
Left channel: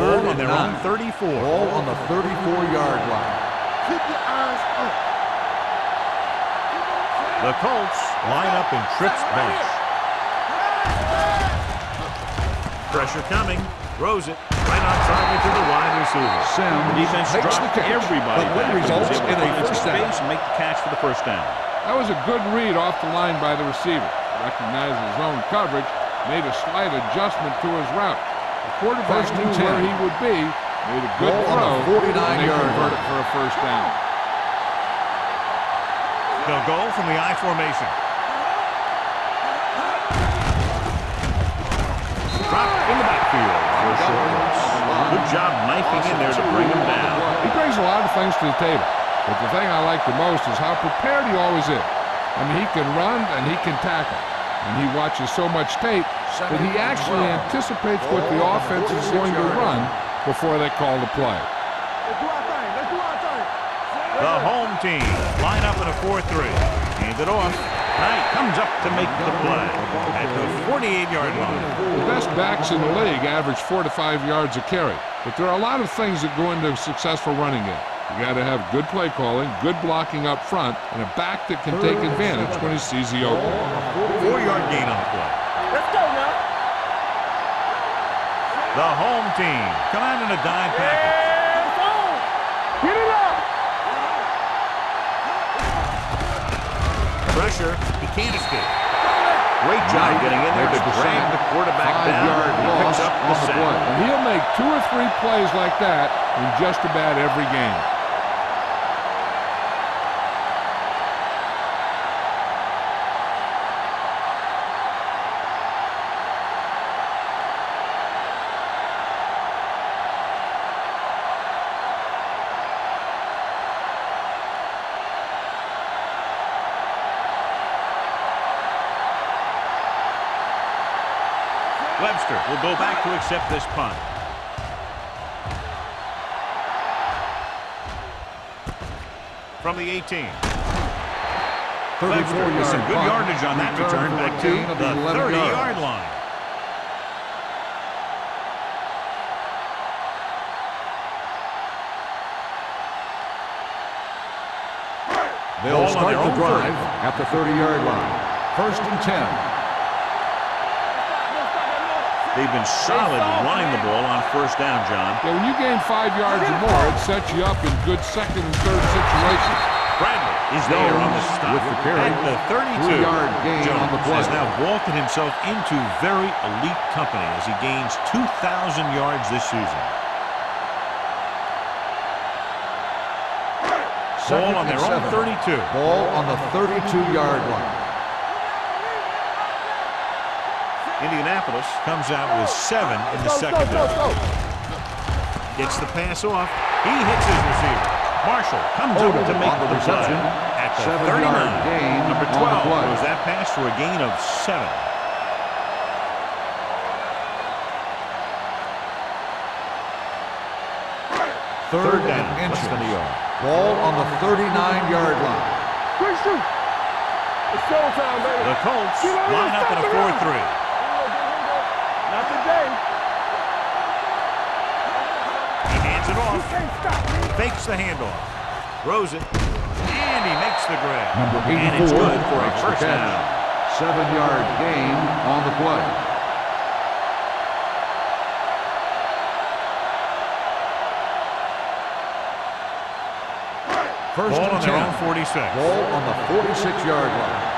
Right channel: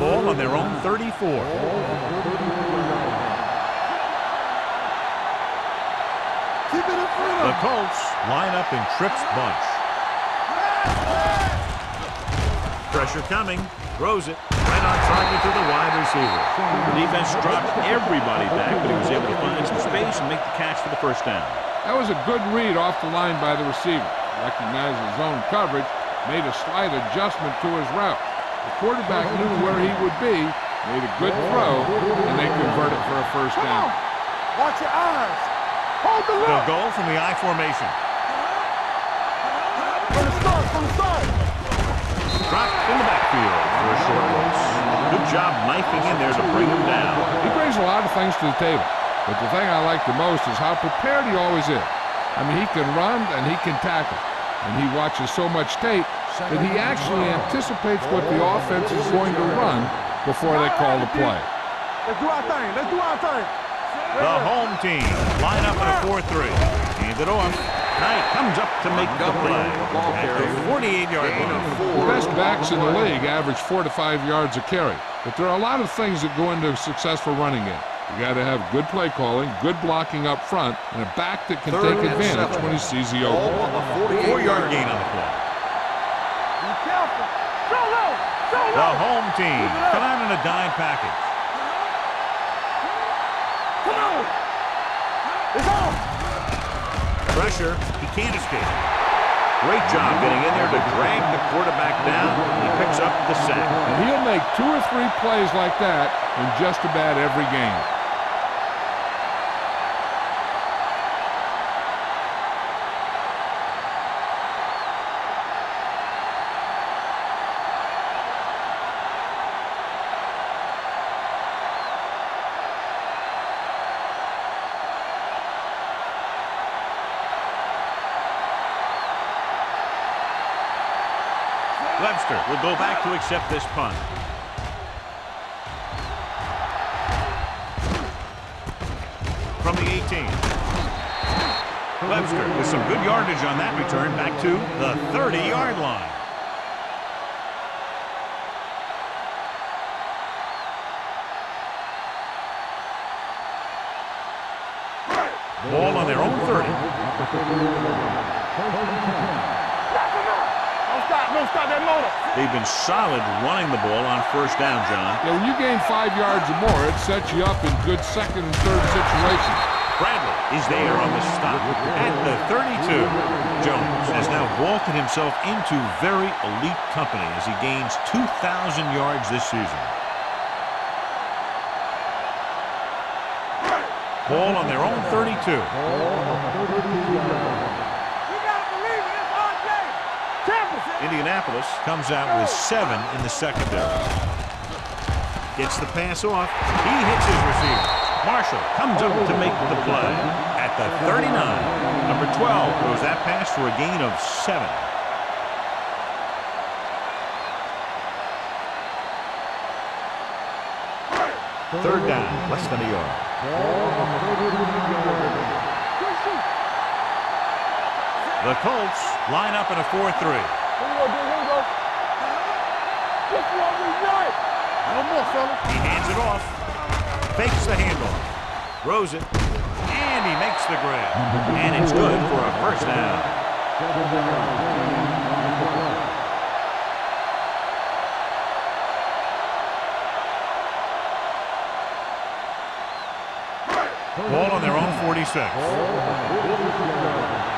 Ball on their own 34. Ball on the 34-yard line. The Colts line up in trips bunch. Pressure coming. Throws it. Right on target to the wide receiver. The defense dropped everybody back, but he was able to find some space and make the catch for the 1st down. That was a good read off the line by the receiver. Recognized his zone coverage, made a slight adjustment to his route. The quarterback knew where he would be, Made a good throw, and they convert it for a first down. Watch your eyes. Hold the They'll go from the I formation. Dropped in the backfield for a short loss. Good job knifing in there to bring him down. He brings a lot of things to the table, but the thing I like the most is how prepared he always is. I mean, he can run and he can tackle, and he watches so much tape that he actually anticipates what the offense is going to run before they call the play. Let's do our thing. Let's do our thing. The home team line up in a 4-3. Hand it off. Knight comes up to make the play at the 48-yard line. The best backs in the league average 4 to 5 yards a carry, but there are a lot of things that go into a successful running game. You got to have good play calling, good blocking up front, and a back that can take advantage when he sees the opening. 4-yard gain on the play. Let's go now. Be careful. Go. The home team come out in a dime package. Get it up. Come on. Pressure, he can't escape. Great job getting in there to drag the quarterback down, and he picks up the sack. And he'll make 2 or 3 plays like that in just about every game. Webster will go back to accept this punt. From the 18. Webster with some good yardage on that return back to the 30-yard line. Ball on their own 30. At the 30-yard line. First and 10. Don't stop that motor. They've been solid running the ball on first down, John. Yeah, when you gain 5 yards or more, it sets you up in good second and third situations. Bradley is there on the stop at the 32. Jones has now vaulted himself into very elite company as he gains 2,000 yards this season. Ball on their own 32. Ball on the 32-yard line. Indianapolis comes out with 7 in the secondary. Gets the pass off. He hits his receiver. Marshall comes up to make the play at the 39. Number 12 throws that pass for a gain of 7. Third down, less than a yard. Ball on the 39-yard line. Quick shoot. It's showtime, baby. The Colts line up in a 4-3. He hands it off, fakes the handoff, throws it, and he makes the grab. And it's good for a first down. 7-yard gain on the play. Ball on their own 46. Ball on the 46-yard line.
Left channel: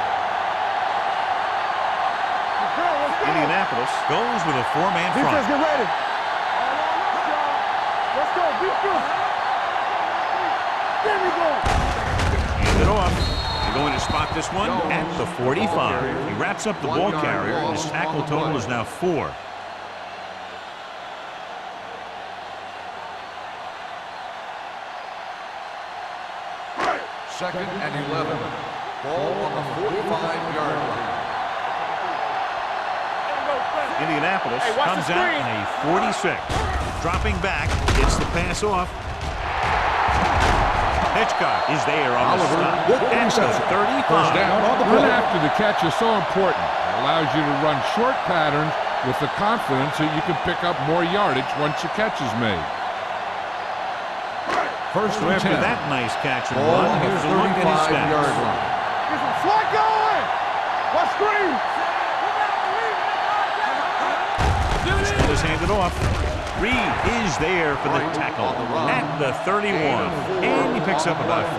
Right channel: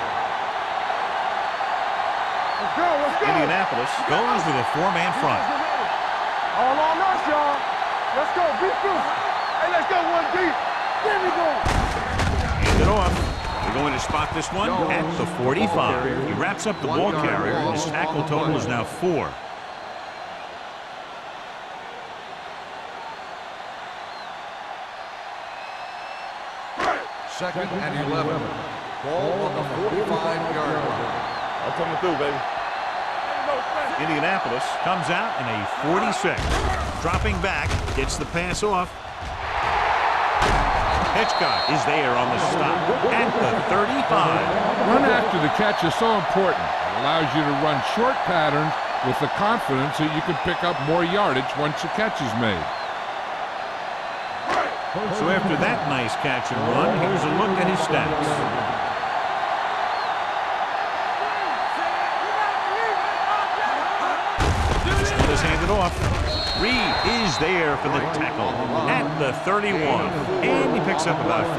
Let's go, let's go. Indianapolis goes with a 4-man front. Defense, get ready. All on us, y'all. Let's go, be through. Hey, let's go, 1 deep. There we go. Hand it off. They're going to spot this one at the 45. He wraps up the ball carrier, and his tackle total is now 4. Second and 11. Ball on the 45-yard line. I'm coming through, baby. Indianapolis comes out in a 46. Dropping back, gets the pass off. Hitchcock is there on the stop at the 35. Run after the catch is so important. It allows you to run short patterns with the confidence that you can pick up more yardage once the catch is made. So after that nice catch and run, here's a look at his stats. This one is handed off. Reed is there for the tackle at the 31. And he picks up about 4.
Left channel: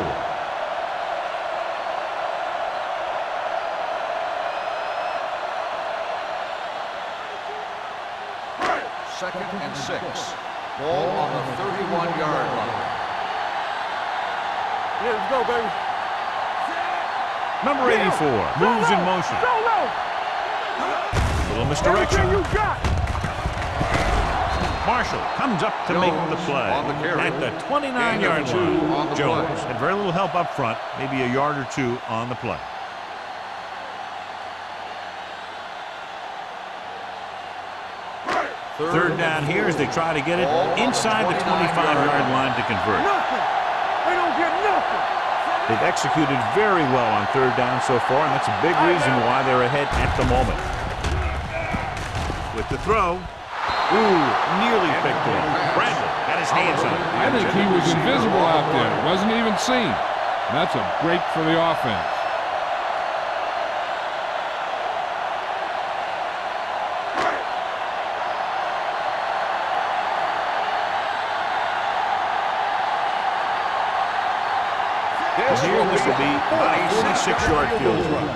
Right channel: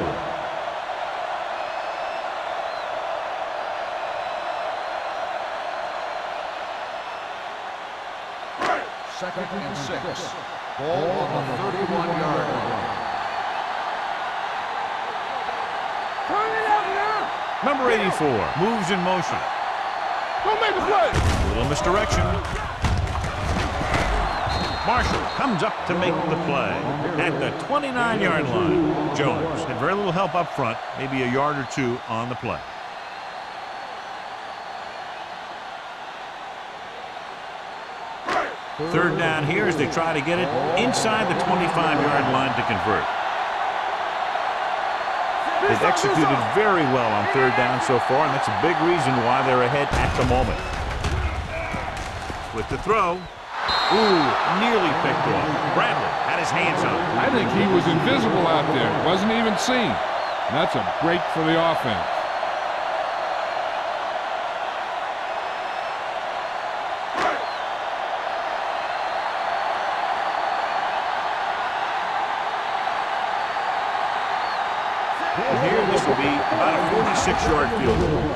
Second and 6. Ball on the 31-yard line. Yeah, let's go, baby. Turn it up now. Number 84 moves in motion. Go, go. Don't make me go. Little misdirection. You got. Marshall comes up to make the play on the carry. at the 29-yard Gain of 2 on line. the Jones play. had very little help up front, maybe a yard or two on the play. Third down here as they try to get it inside the 25-yard line to convert. They don't get nothing. They've executed very well on third down so far, and that's a big reason why they're ahead at the moment. With the throw. Ooh, nearly picked off. Bradley had his hands on it. I think he was invisible out there. Wasn't even seen. That's a break for the offense. And here this will be about a 46-yard field goal.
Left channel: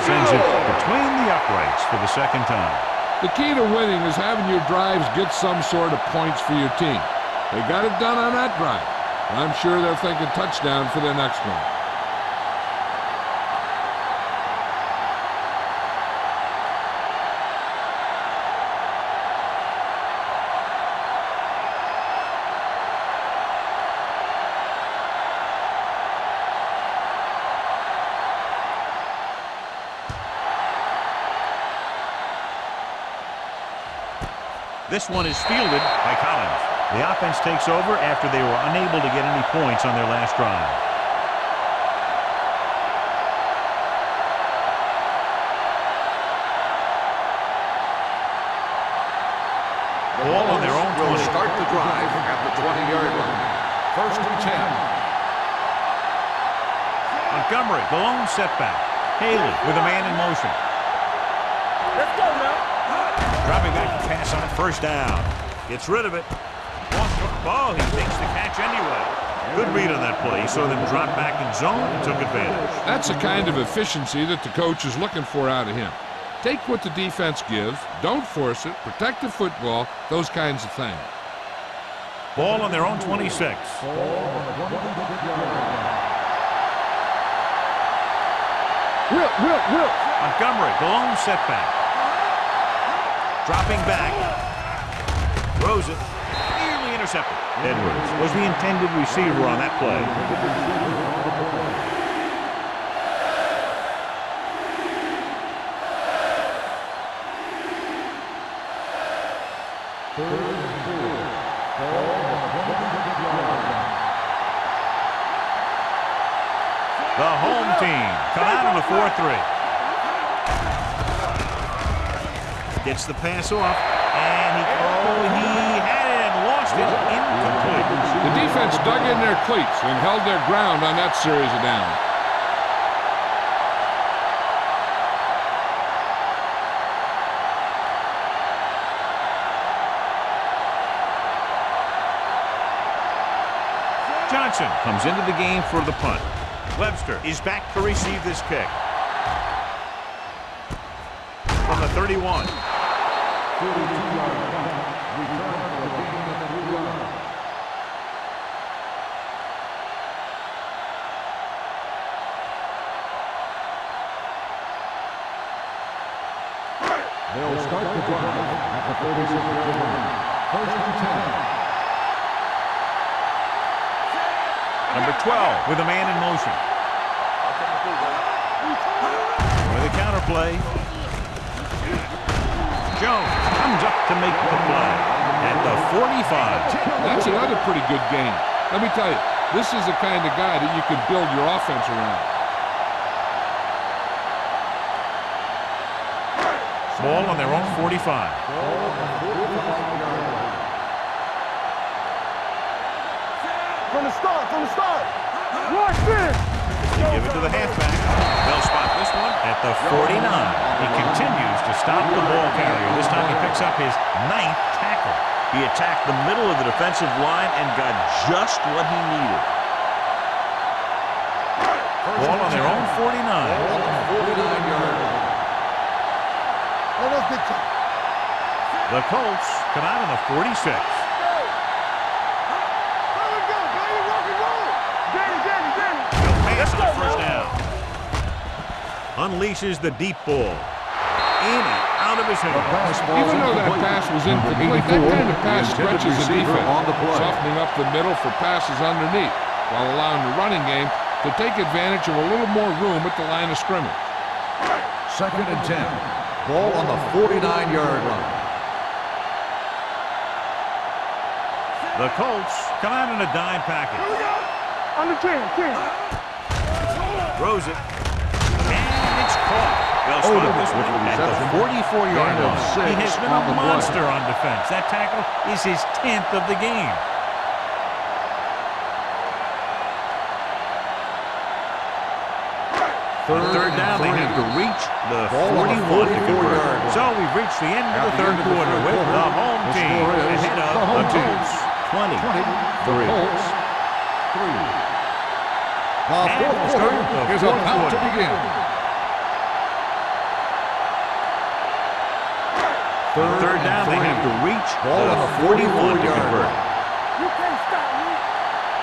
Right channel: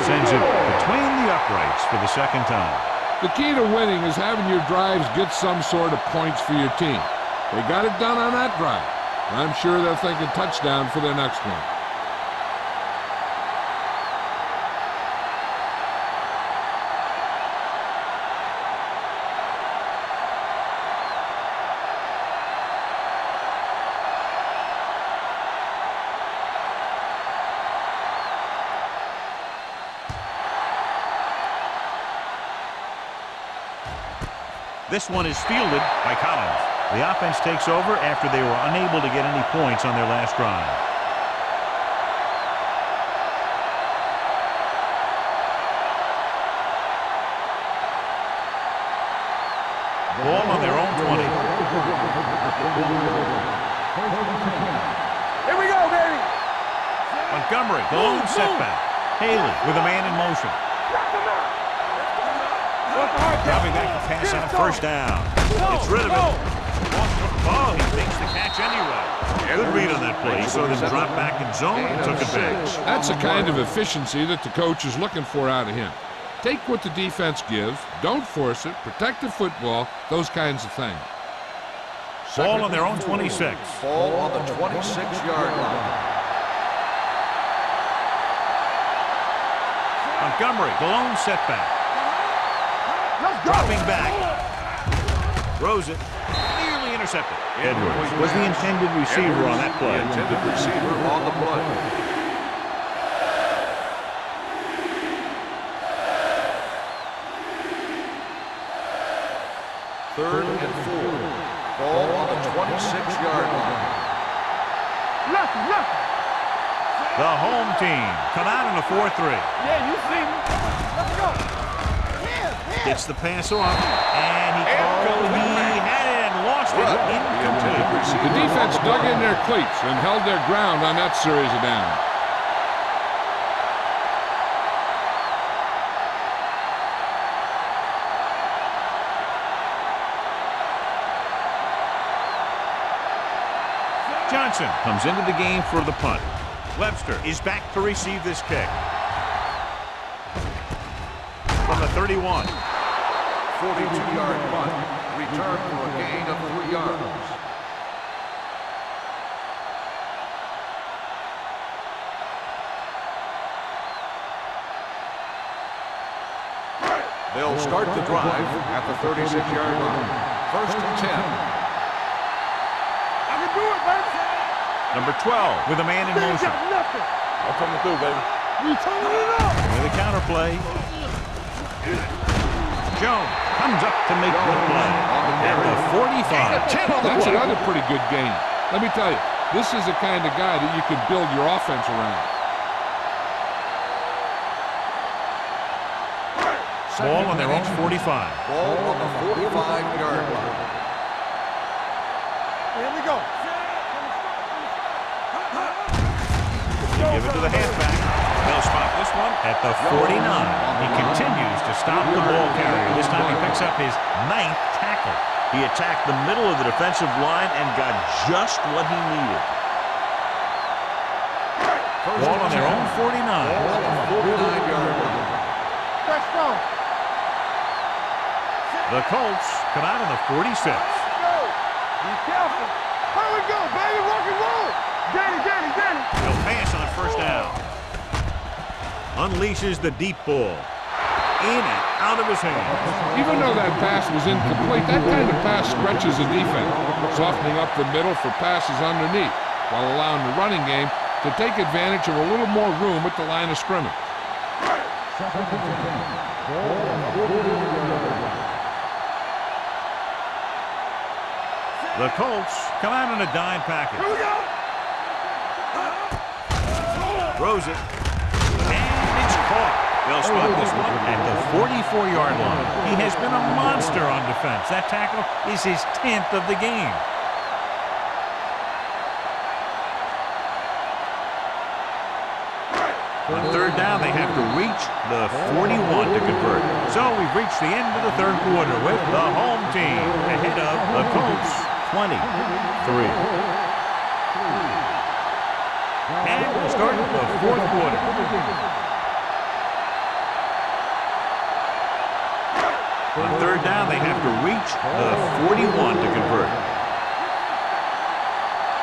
Sends it between the uprights for the second time. The key to winning is having your drives get some sort of points for your team. They got it done on that drive. I'm sure they're thinking touchdown for their next one. This one is fielded by Collins. The offense takes over after they were unable to get any points on their last drive. Ball on their own 20. Start the drive at the 20-yard line. First and 10. Here we go, baby. Montgomery, the lone setback. Haley with a man in motion. Let's go now. Dropping back to pass on first down. Gets rid of it. Oh, he makes the catch anyway. Good read on that play. He saw them drop back in zone and took advantage. That's the kind of efficiency that the coach is looking for out of him. Take what the defense gives, don't force it, protect the football, those kinds of things. Ball on their own 26. Ball on the 26-yard line. Montgomery, the lone setback. Dropping back. Throws it. Nearly intercepted. Edwards was the intended receiver on that play. Intended receiver on the play. Third and 4. Ball on the 26-yard line. The home team come out in a 4-3. Gets the pass off, and he had it and lost it, incomplete. The defense dug in their cleats and held their ground on that series of downs. Johnson comes into the game for the punt. Webster is back to receive this kick. From the 31. 42-yard punt. Return for a gain of 3 yards. They'll start the drive at the 46-yard line. First and 10. Number 12 with a man in motion. That's what I'm gonna do, baby. We turn it up. With a counter play. Jones comes up to make the play at the 45. That's another pretty good game. Let me tell you, this is the kind of guy that you can build your offense around. Ball on their own 45. Ball on the 45-yard line. Here we go. From the start. Watch this. They give it to the halfback. They'll spot this one at the 49. He continues to stop the ball carrier. This time he picks up his 9th tackle. He attacked the middle of the defensive line and got just what he needed. Ball on their own 49. Ball on the 49-yard line. The Colts come out on the 46. Let's go. Here we go, baby. Rock and roll. Danny. He'll pass on first down. Unleashes the deep ball. In and out of his hands. Even though that pass was incomplete, that kind of pass stretches the defense, softening up the middle for passes underneath, while allowing the running game to take advantage of a little more room at the line of scrimmage. 2nd and 10. Ball on the 49-yard line. The Colts come out in a dime package. Here we go. On the 10. Throws it. And it's caught. They'll spot this one at the 44-yard line. He has been a monster on defense. That tackle is his 10th of the game. On third down, they have to reach the 41 to convert. So we've reached the end of the third quarter with the home team ahead of the Colts 23. And we'll start the fourth quarter. On third down, they have to reach the 41 to convert.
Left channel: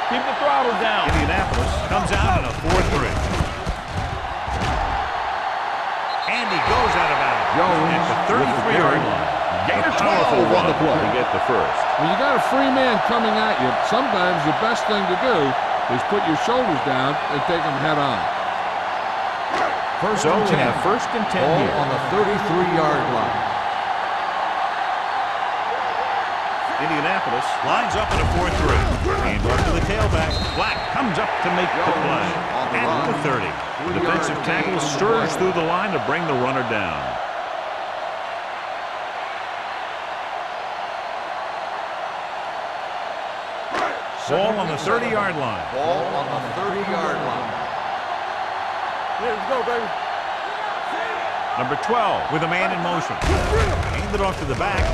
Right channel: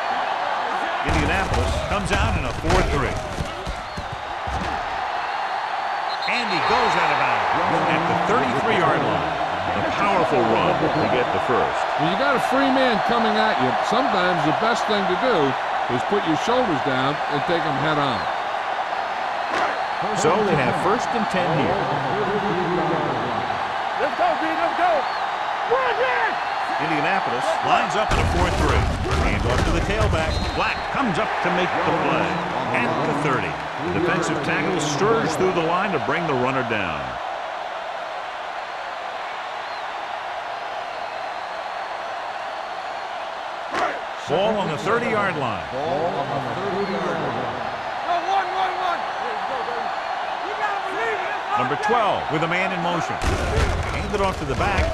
Keep the throttle down. Indianapolis comes out in a 4-3. And he goes out of bounds at the 33-yard line. A powerful run to get the first. When you got a free man coming at you, sometimes the best thing to do is put your shoulders down and take them head on. So they have 1st and 10 here. On the 33-yard line. Let's go, D. Let's go. Indianapolis lines up in a 4-3. And off to the tailback. Black comes up to make the play. At the 30. The defensive tackle stirs through the line to bring the runner down. Ball on the 30-yard line. Ball on the 30-yard line. Here we go, baby. Number 12 with a man in motion. Hand it off to the back.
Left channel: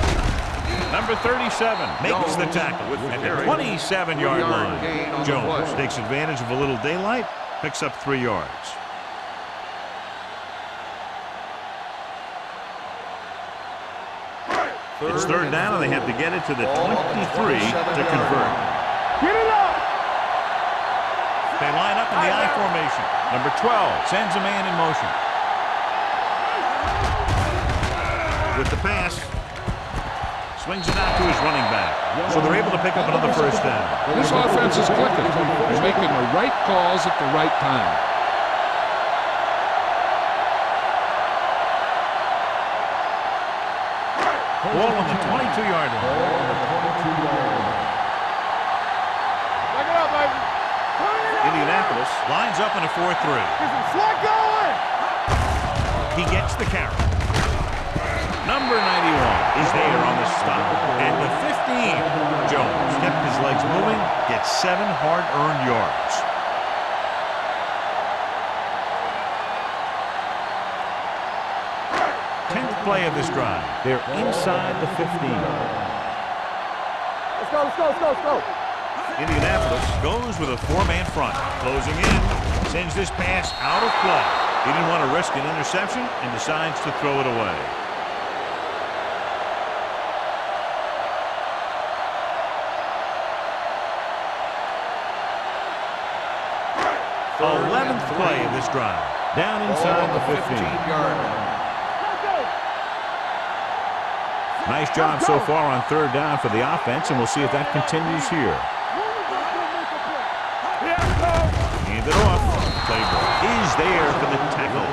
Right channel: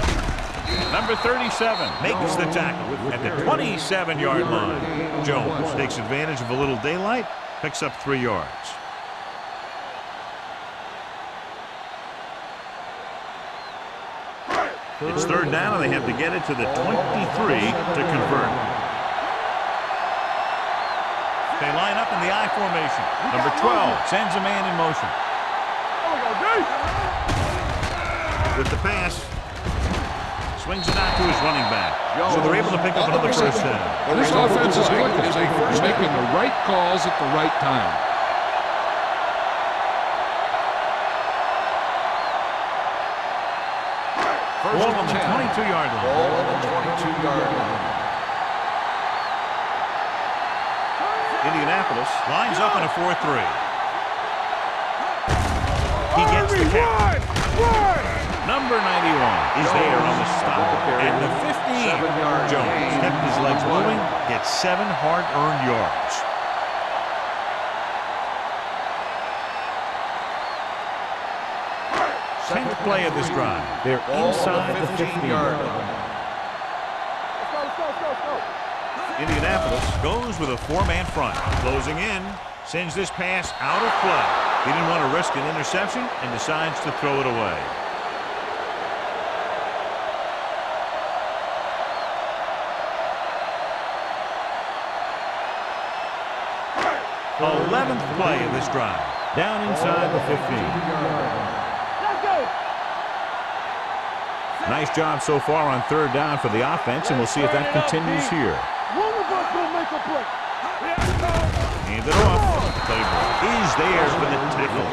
Number 37 makes the tackle at the 27-yard line. Jones takes advantage of a little daylight, picks up 3 yards. It's third down, and they have to get it to the 23 to convert. Get it up. They line up in the I formation. Number 12 sends a man in motion. With the pass, swings it out to his running back. So they're able to pick up another first down. This offense is clicking. They're making the right calls at the right time. Ball on the 22-yard line. Indianapolis lines up in a 4-3. He gets the carry. Number 91 is there on the stop. At the 15, Jones kept his legs moving, gets 7 hard-earned yards. Tenth play of this drive. They're inside the 15. Let's go. Indianapolis goes with a 4-man front. Closing in, sends this pass out of play. He didn't want to risk an interception and decides to throw it away. The 11th play of this drive. Down inside the 15. Let's go. Nice job so far on third down for the offense, and we'll see if that continues here. One of us gonna make a play. Hand it off. Play ball is there for the tackle.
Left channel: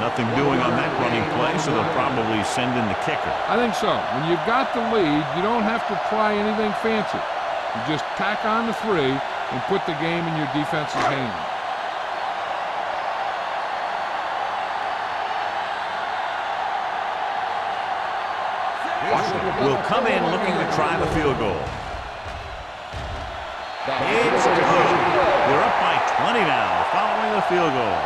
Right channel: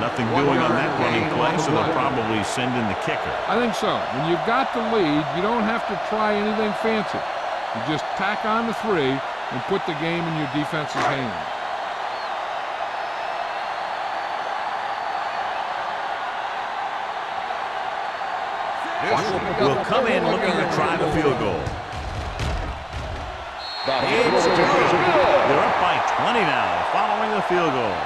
Nothing doing on that running play, so they'll probably send in the kicker. I think so. When you've got the lead, you don't have to try anything fancy. You just tack on the 3 and put the game in your defense's hands. Washington will come in looking to try the field goal. It's good. They're up by 20 now following the field goal.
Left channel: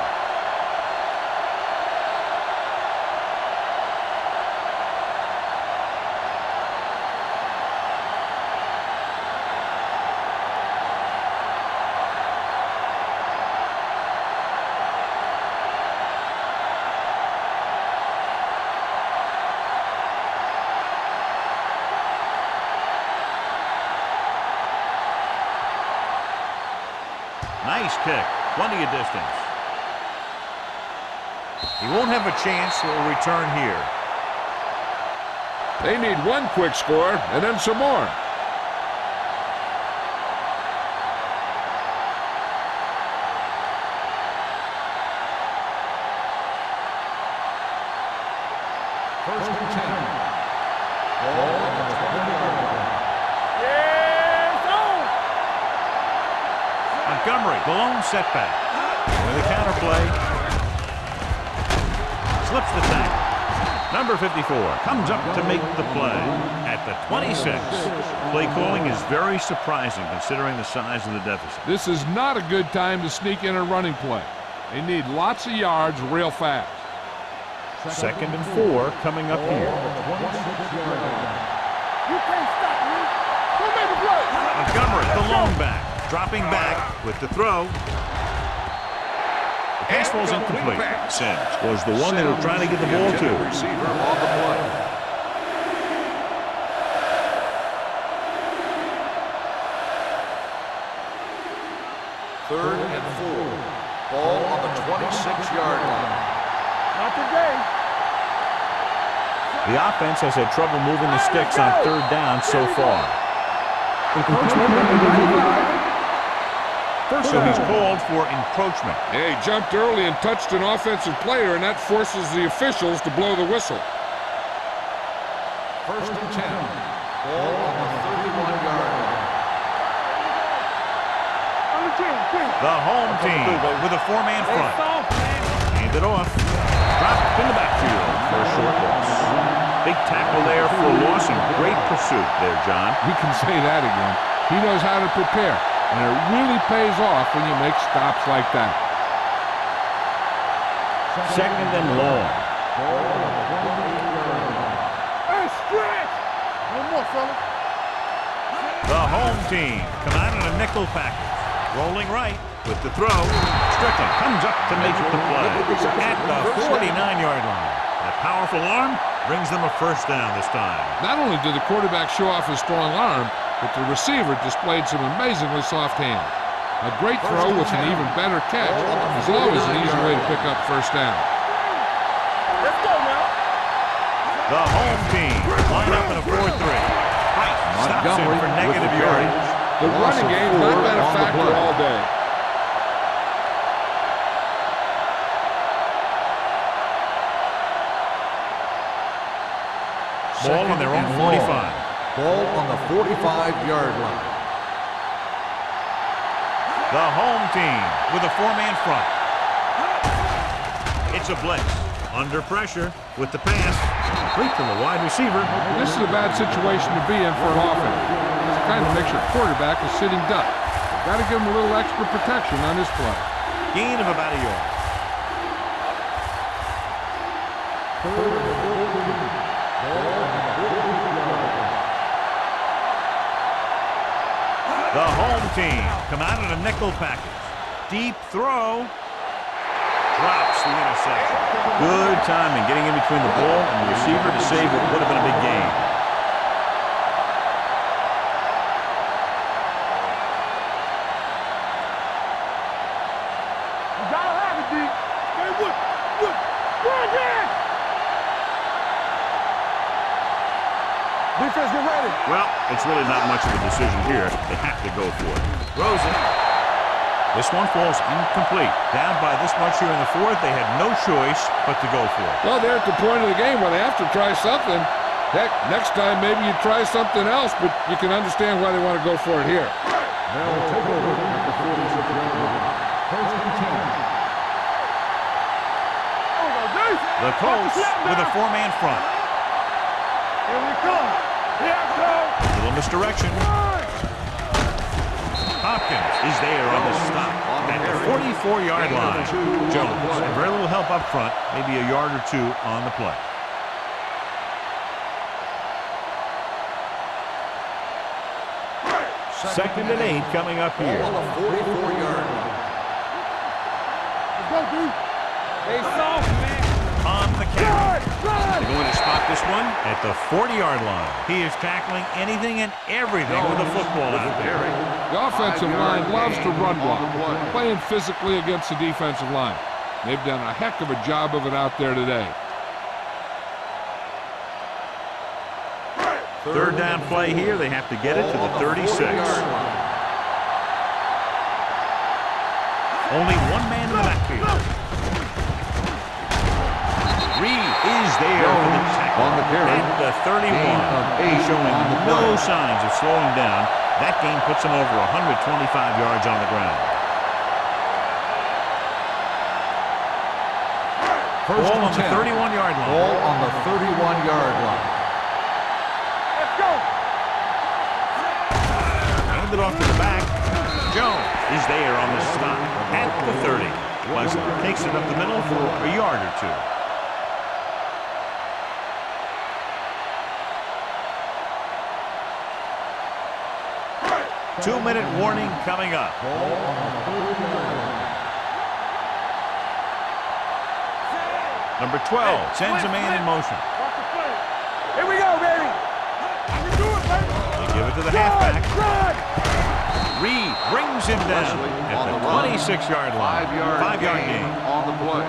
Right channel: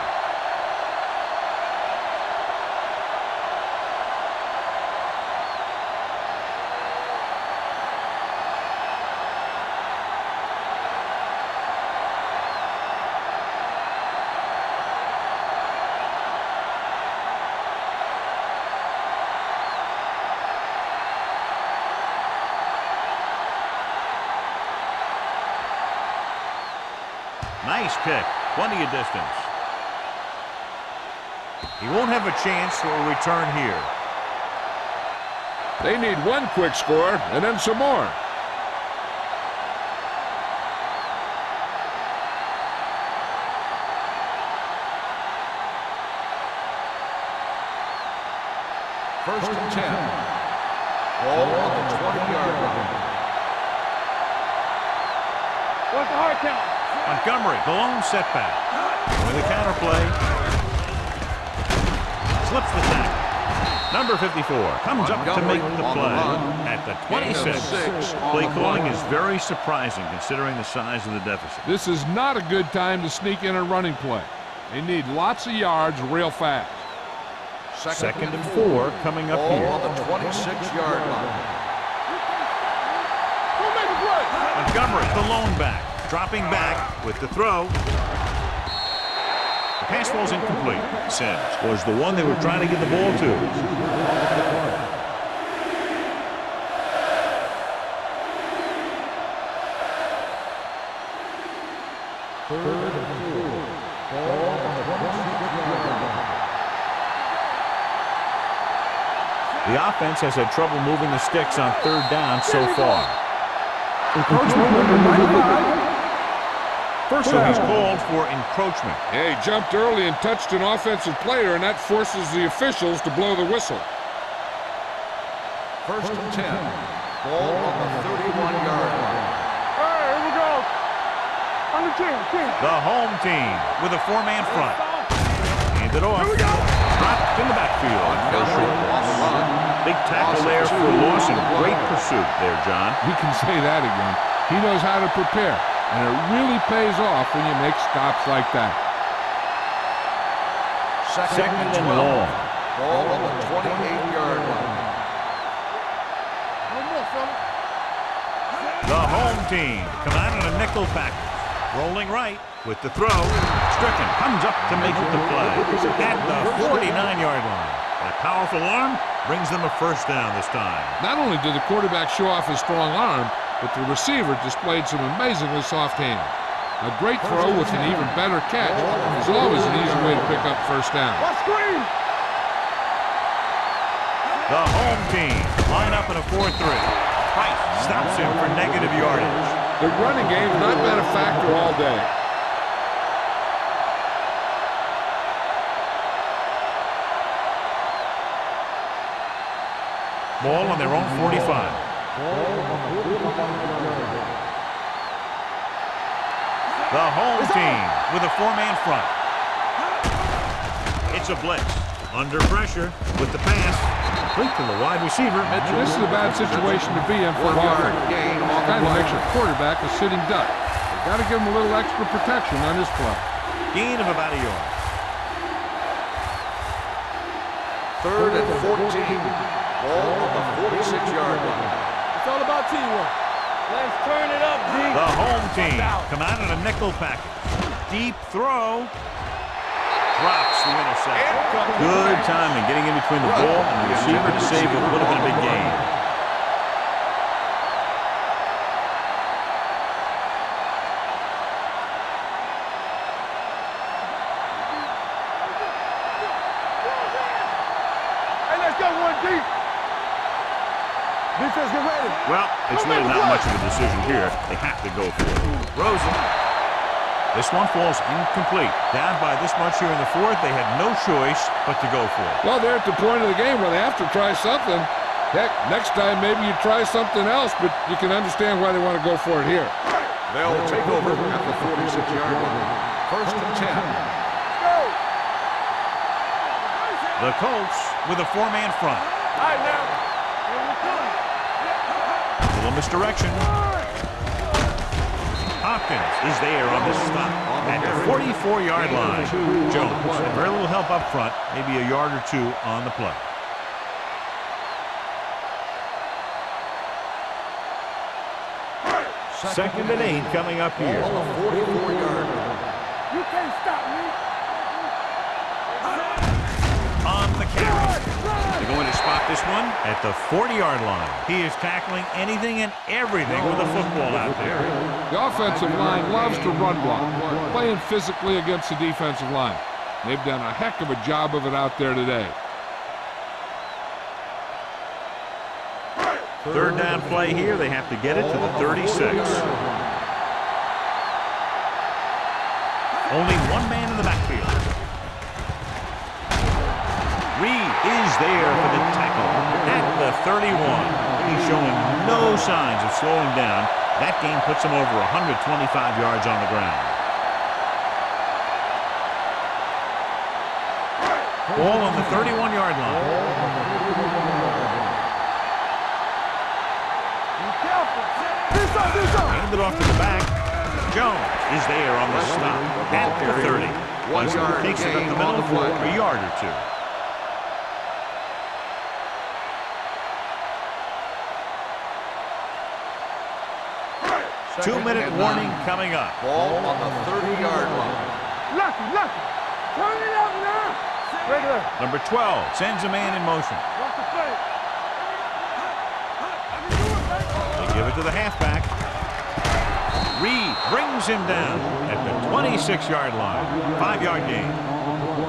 Nice kick. Plenty of distance. He won't have a chance for a return here. They need one quick score and then some more. First and 10. Ball on the 20-yard line. Montgomery, the lone setback. With a counter play. Slips the tackle. Number 54 comes up to make the play at the 26. Play calling is very surprising considering the size of the deficit. This is not a good time to sneak in a running play. They need lots of yards real fast. Second and 4 coming up here. On the 26-yard line. You can't stop me. Go make a play. Montgomery, the lone back. Dropping back with the throw. The pass falls incomplete. Sims was the one they were trying to get the ball to. Receiver on the play. Third and 4. Ball on the 26-yard line. Not today. The offense has had trouble moving the sticks on third down so far. Encroachment number 95. First So down. he's called for encroachment. Yeah, he jumped early and touched an offensive player, and that forces the officials to blow the whistle. First and 10. Ball on the 31-yard line. All right, here we go. On the 10. The home team with a four-man front. Hand it off. Dropped in the backfield for a short loss. Big tackle there for a loss and great pursuit there, John. You can say that again. He knows how to prepare, and it really pays off when you make stops like that. Second and long. Ball on the 28-yard line. Hey, stretch. No more, fella. The home team come out in a nickel package. Rolling right with the throw. Strickland comes up to make the play at the 49-yard line. That powerful arm brings them a first down this time. Not only did the quarterback show off his strong arm, but the receiver displayed some amazingly soft hands. A great throw with an even better catch is always an easy way to pick up first down. Let's go now. The home team line up in a 4-3. Price stops him for negative yardage. The running game's not been a factor all day. Ball on their own 45. Ball on the 45-yard line. The home team with a four-man front. It's a blitz. Under pressure with the pass. Complete to the wide receiver. This is a bad situation to be in for an offense. It kind of makes your quarterback a sitting duck. You've got to give him a little extra protection on this play. Gain of about a yard. Third and 14. Ball on the 46-yard line. It's all about teamwork. Let's turn it up, G. The home team come out in a nickel package. Deep throw. Drops the interception. Good timing getting in between the ball and the receiver to save what would have been a big gain. Defense, get ready. Well, it's really not much of a decision here. They have to go for it. Throws it. This one falls incomplete. Down by this much here in the fourth, they had no choice but to go for it. Well, they're at the point of the game where they have to try something. Heck, next time maybe you try something else, but you can understand why they want to go for it here. They'll take over at the 46-yard line. First and 10. The Colts with a four-man front. Here we come. Here I come. Little misdirection. Hopkins is there on the stop at the 44-yard line. Jones had very little help up front, maybe a yard or two on the play. Second and 8 coming up here. Ball on the 44-yard line. You can't stop me. Let's go, D. On the carry. They're going to spot this one at the 40-yard line. He is tackling anything and everything with a football out there. The offensive line loves to run block, playing physically against the defensive line. They've done a heck of a job of it out there today. Third down play here. They have to get it to the 36. Only one man in the backfield. Reed is there for the tackle at the 31. He's showing no signs of slowing down. That gain puts him over 125 yards on the ground. Ball on the 31-yard line. Ball on the 31-yard line. Hand it off to the back. Jones is there on the stop at the 30. Wesley takes it up the middle for a yard or two. Two-minute warning coming up. Ball on the 30-yard line. Number 12 sends a man in motion. Watch the play. Here we go, baby. I can do it, baby. They give it to the halfback. Reed brings him down at the 26-yard line. 5-yard gain. On the play.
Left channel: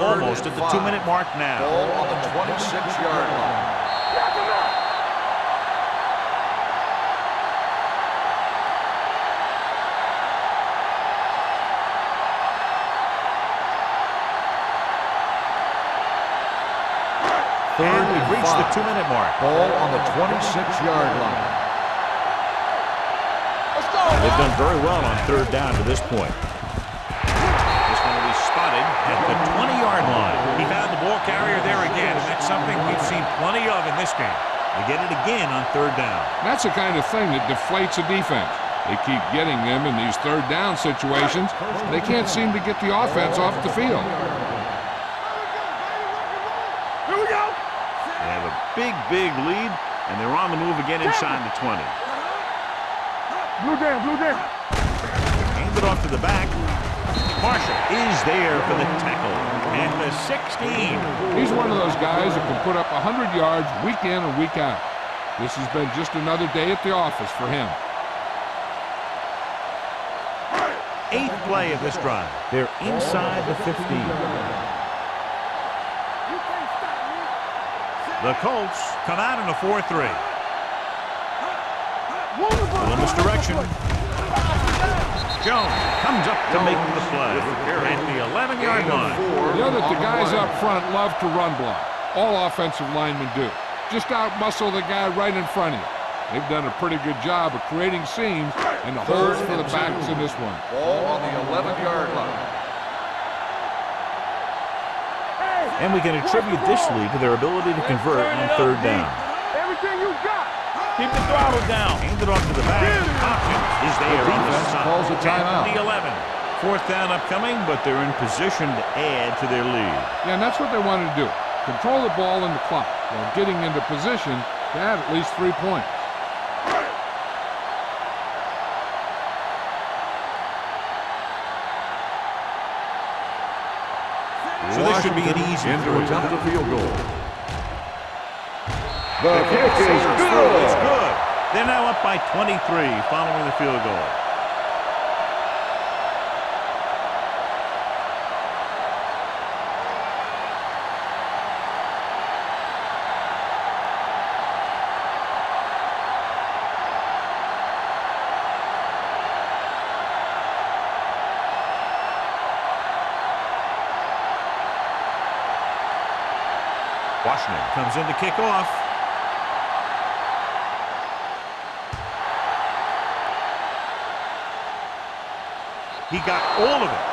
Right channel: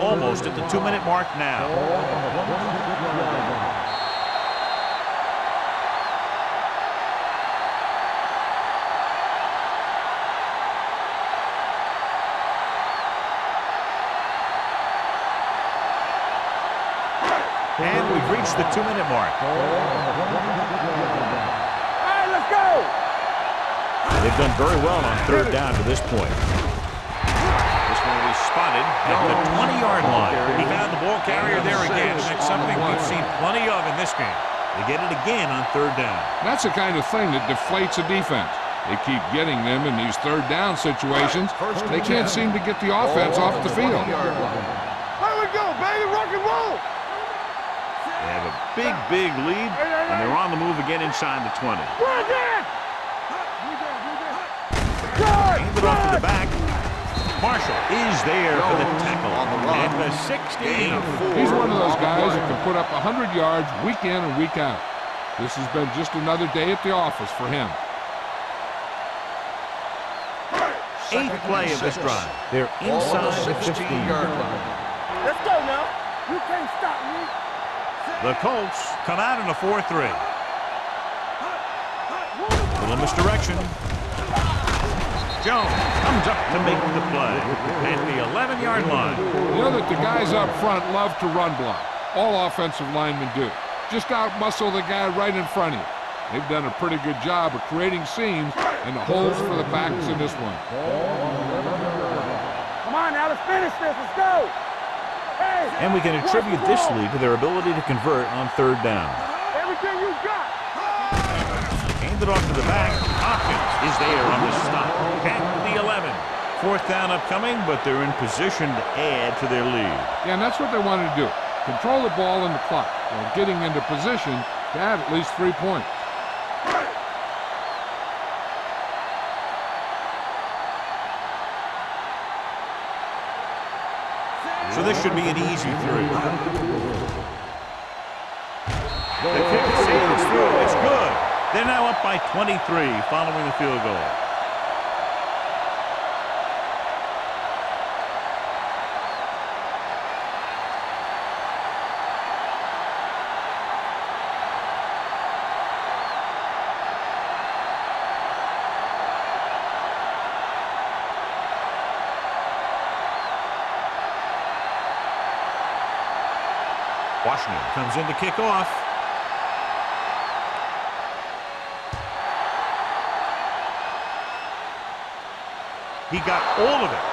Almost at the 2-minute mark now. Ball on the 26-yard line. And we've reached the 2-minute mark. Ball on the 26-yard line. All right, let's go. Let's go. They've done very well on third down to this point. This one will be spotted at the 20-yard line. He found the ball carrier there again, and that's something we've seen plenty of in this game. They get it again on third down. That's the kind of thing that deflates a defense. They keep getting them in these third down situations. They can't seem to get the offense off the field. They have a big lead, and they're on the move again inside the 20. Hand it off to the back. Marshall is there for the tackle at the 16. He's one of those guys that can put up 100 yards week in and week out. This has been just another day at the office for him. 8th play of this drive. They're inside the 15. Let's go now. You can't stop me. The Colts come out in a 4-3. Little misdirection. Jones comes up to make the play at the 11-yard line. You know that the guys up front love to run block. All offensive linemen do. Just out-muscle the guy right in front of you. They've done a pretty good job of creating seams and the holes for the backs in this one. Ball on the 11-yard line. Come on now, let's finish this. Let's go. Hey, And we can attribute this lead to their ability to convert on third down. everything you got. Hand it off to the back. Hopkins is there on the stop at the 11. 4th down upcoming, but they're in position to add to their lead. Yeah, and that's what they wanted to do. Control the ball and the clock while getting into position to add at least 3 points. So this should be an easy 3. The The kick sails through. It's good. They're now up by 23 following the field goal. Washington comes in to kick off. He got all of it.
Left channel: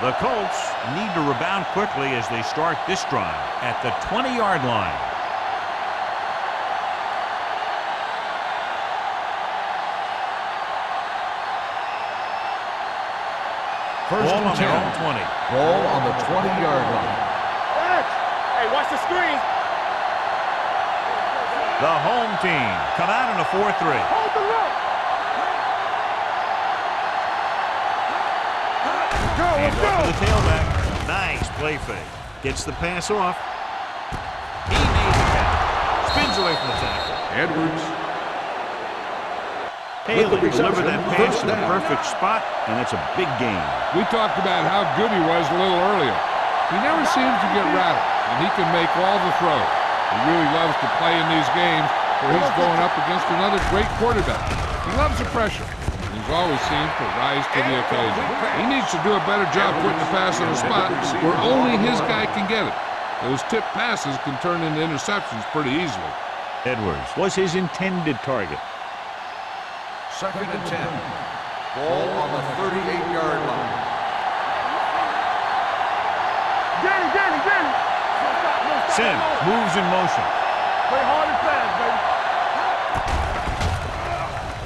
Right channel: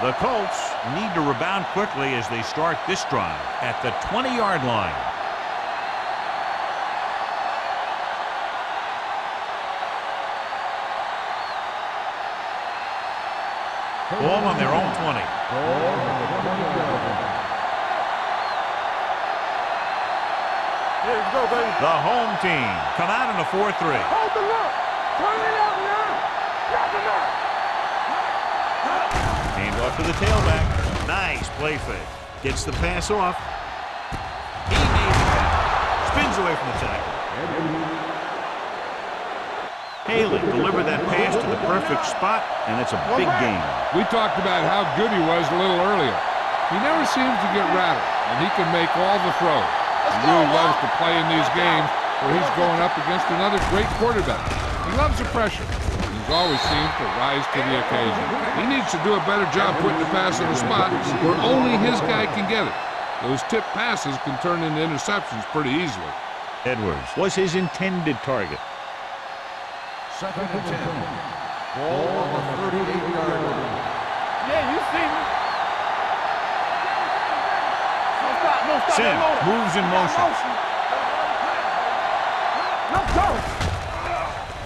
The Colts need to rebound quickly as they start this drive at the 20-yard line. Ball on their own 20. Ball on the 20-yard line. Hey, watch the screen. The home team come out in a 4-3. Hold the look. Turn it out now. Hand off to the tailback. Nice play fake. Gets the pass off. He made the catch. Spins away from the tackle. Edwards. Haley delivered that pass to the perfect spot, and it's a big gain. We talked about how good he was a little earlier. He never seems to get rattled, and he can make all the throws. He really loves to play in these games where he's going up against another great quarterback. He loves the pressure. He's always seemed to rise to the occasion. He needs to do a better job putting the pass in a spot where only his guy can get it. Those tip passes can turn into interceptions pretty easily. Edwards was his intended target. 2nd and 10. Ball on the 38-yard line. Sim moves in motion. Play hard and fast, baby. Let's go.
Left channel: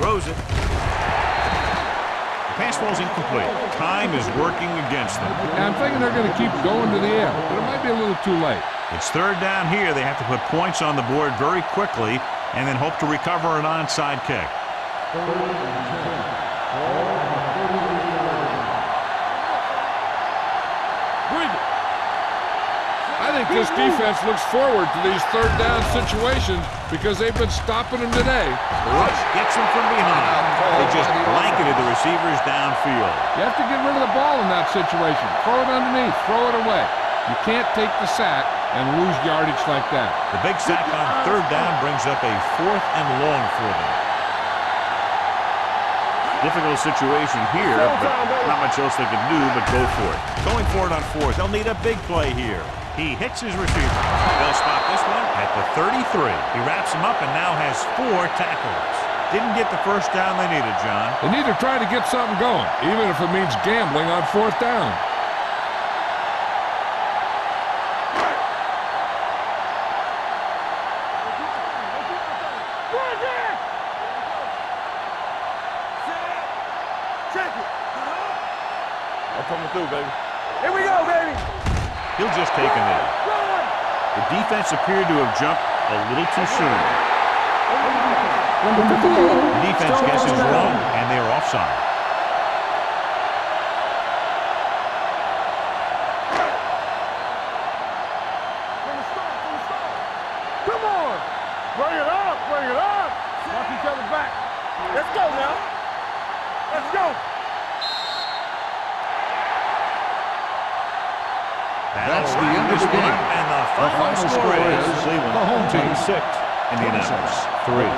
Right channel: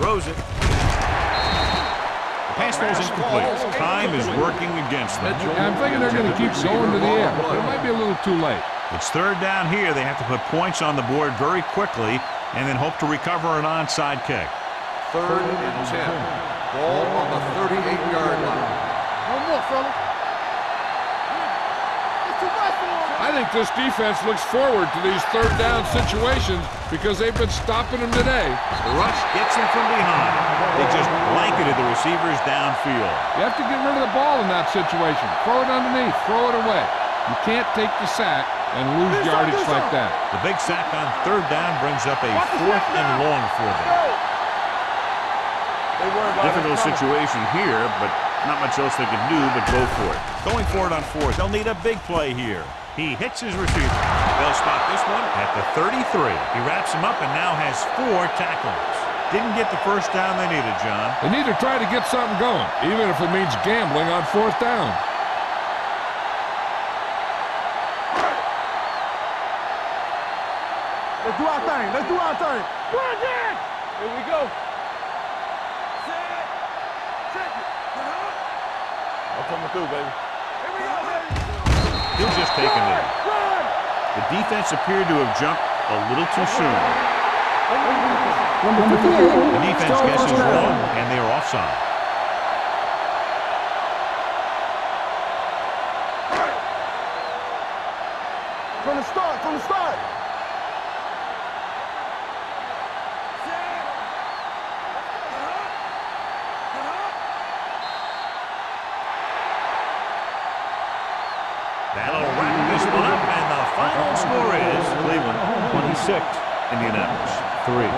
Throws it. The pass falls incomplete. Time is working against them. Yeah, I'm thinking they're going to keep going to the air, but it might be a little too late. It's 3rd down here. They have to put points on the board very quickly and then hope to recover an onside kick. 3rd and 10. Ball on the 38-yard line. I think this defense looks forward to these 3rd down situations because they've been stopping them today. The rush gets them from behind. They just blanketed the receivers downfield. You have to get rid of the ball in that situation. Throw it underneath. Throw it away. You can't take the sack and lose yardage like that. The big sack on 3rd down brings up a 4th and long for them. Difficult situation here, but not much else they can do but go for it. Going for it on 4th. They'll need a big play here. He hits his receiver. They'll spot this one at the 33. He wraps him up and now has 4 tackles. Didn't get the first down they needed, John. They need to try to get something going, even if it means gambling on 4th down. Let's do our thing. Let's do our thing. Run, Dan! Here we go. Set. Check it. I'm coming through, baby. Here we go, baby. He'll just take a knee. Run! The defense appeared to have jumped a little too soon. Number 58. The defense still guesses first down. wrong, and they are offside. From the start, from the start. Come on. Bring it up, bring it up. Set. Each other back. Let's go now. Let's go. That'll wrap this one up, and the final score is Cleveland 26, Indianapolis 3.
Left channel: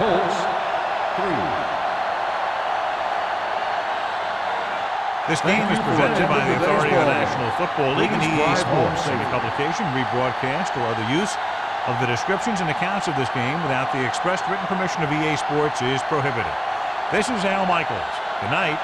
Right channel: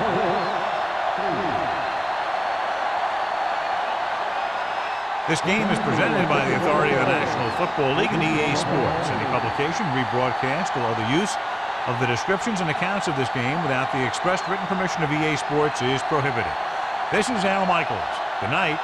This game is presented by the authority of the National Football League and EA Sports. Any publication, rebroadcast, or other use of the descriptions and accounts of this game without the expressed written permission of EA Sports is prohibited. This is Al Michaels. Good night.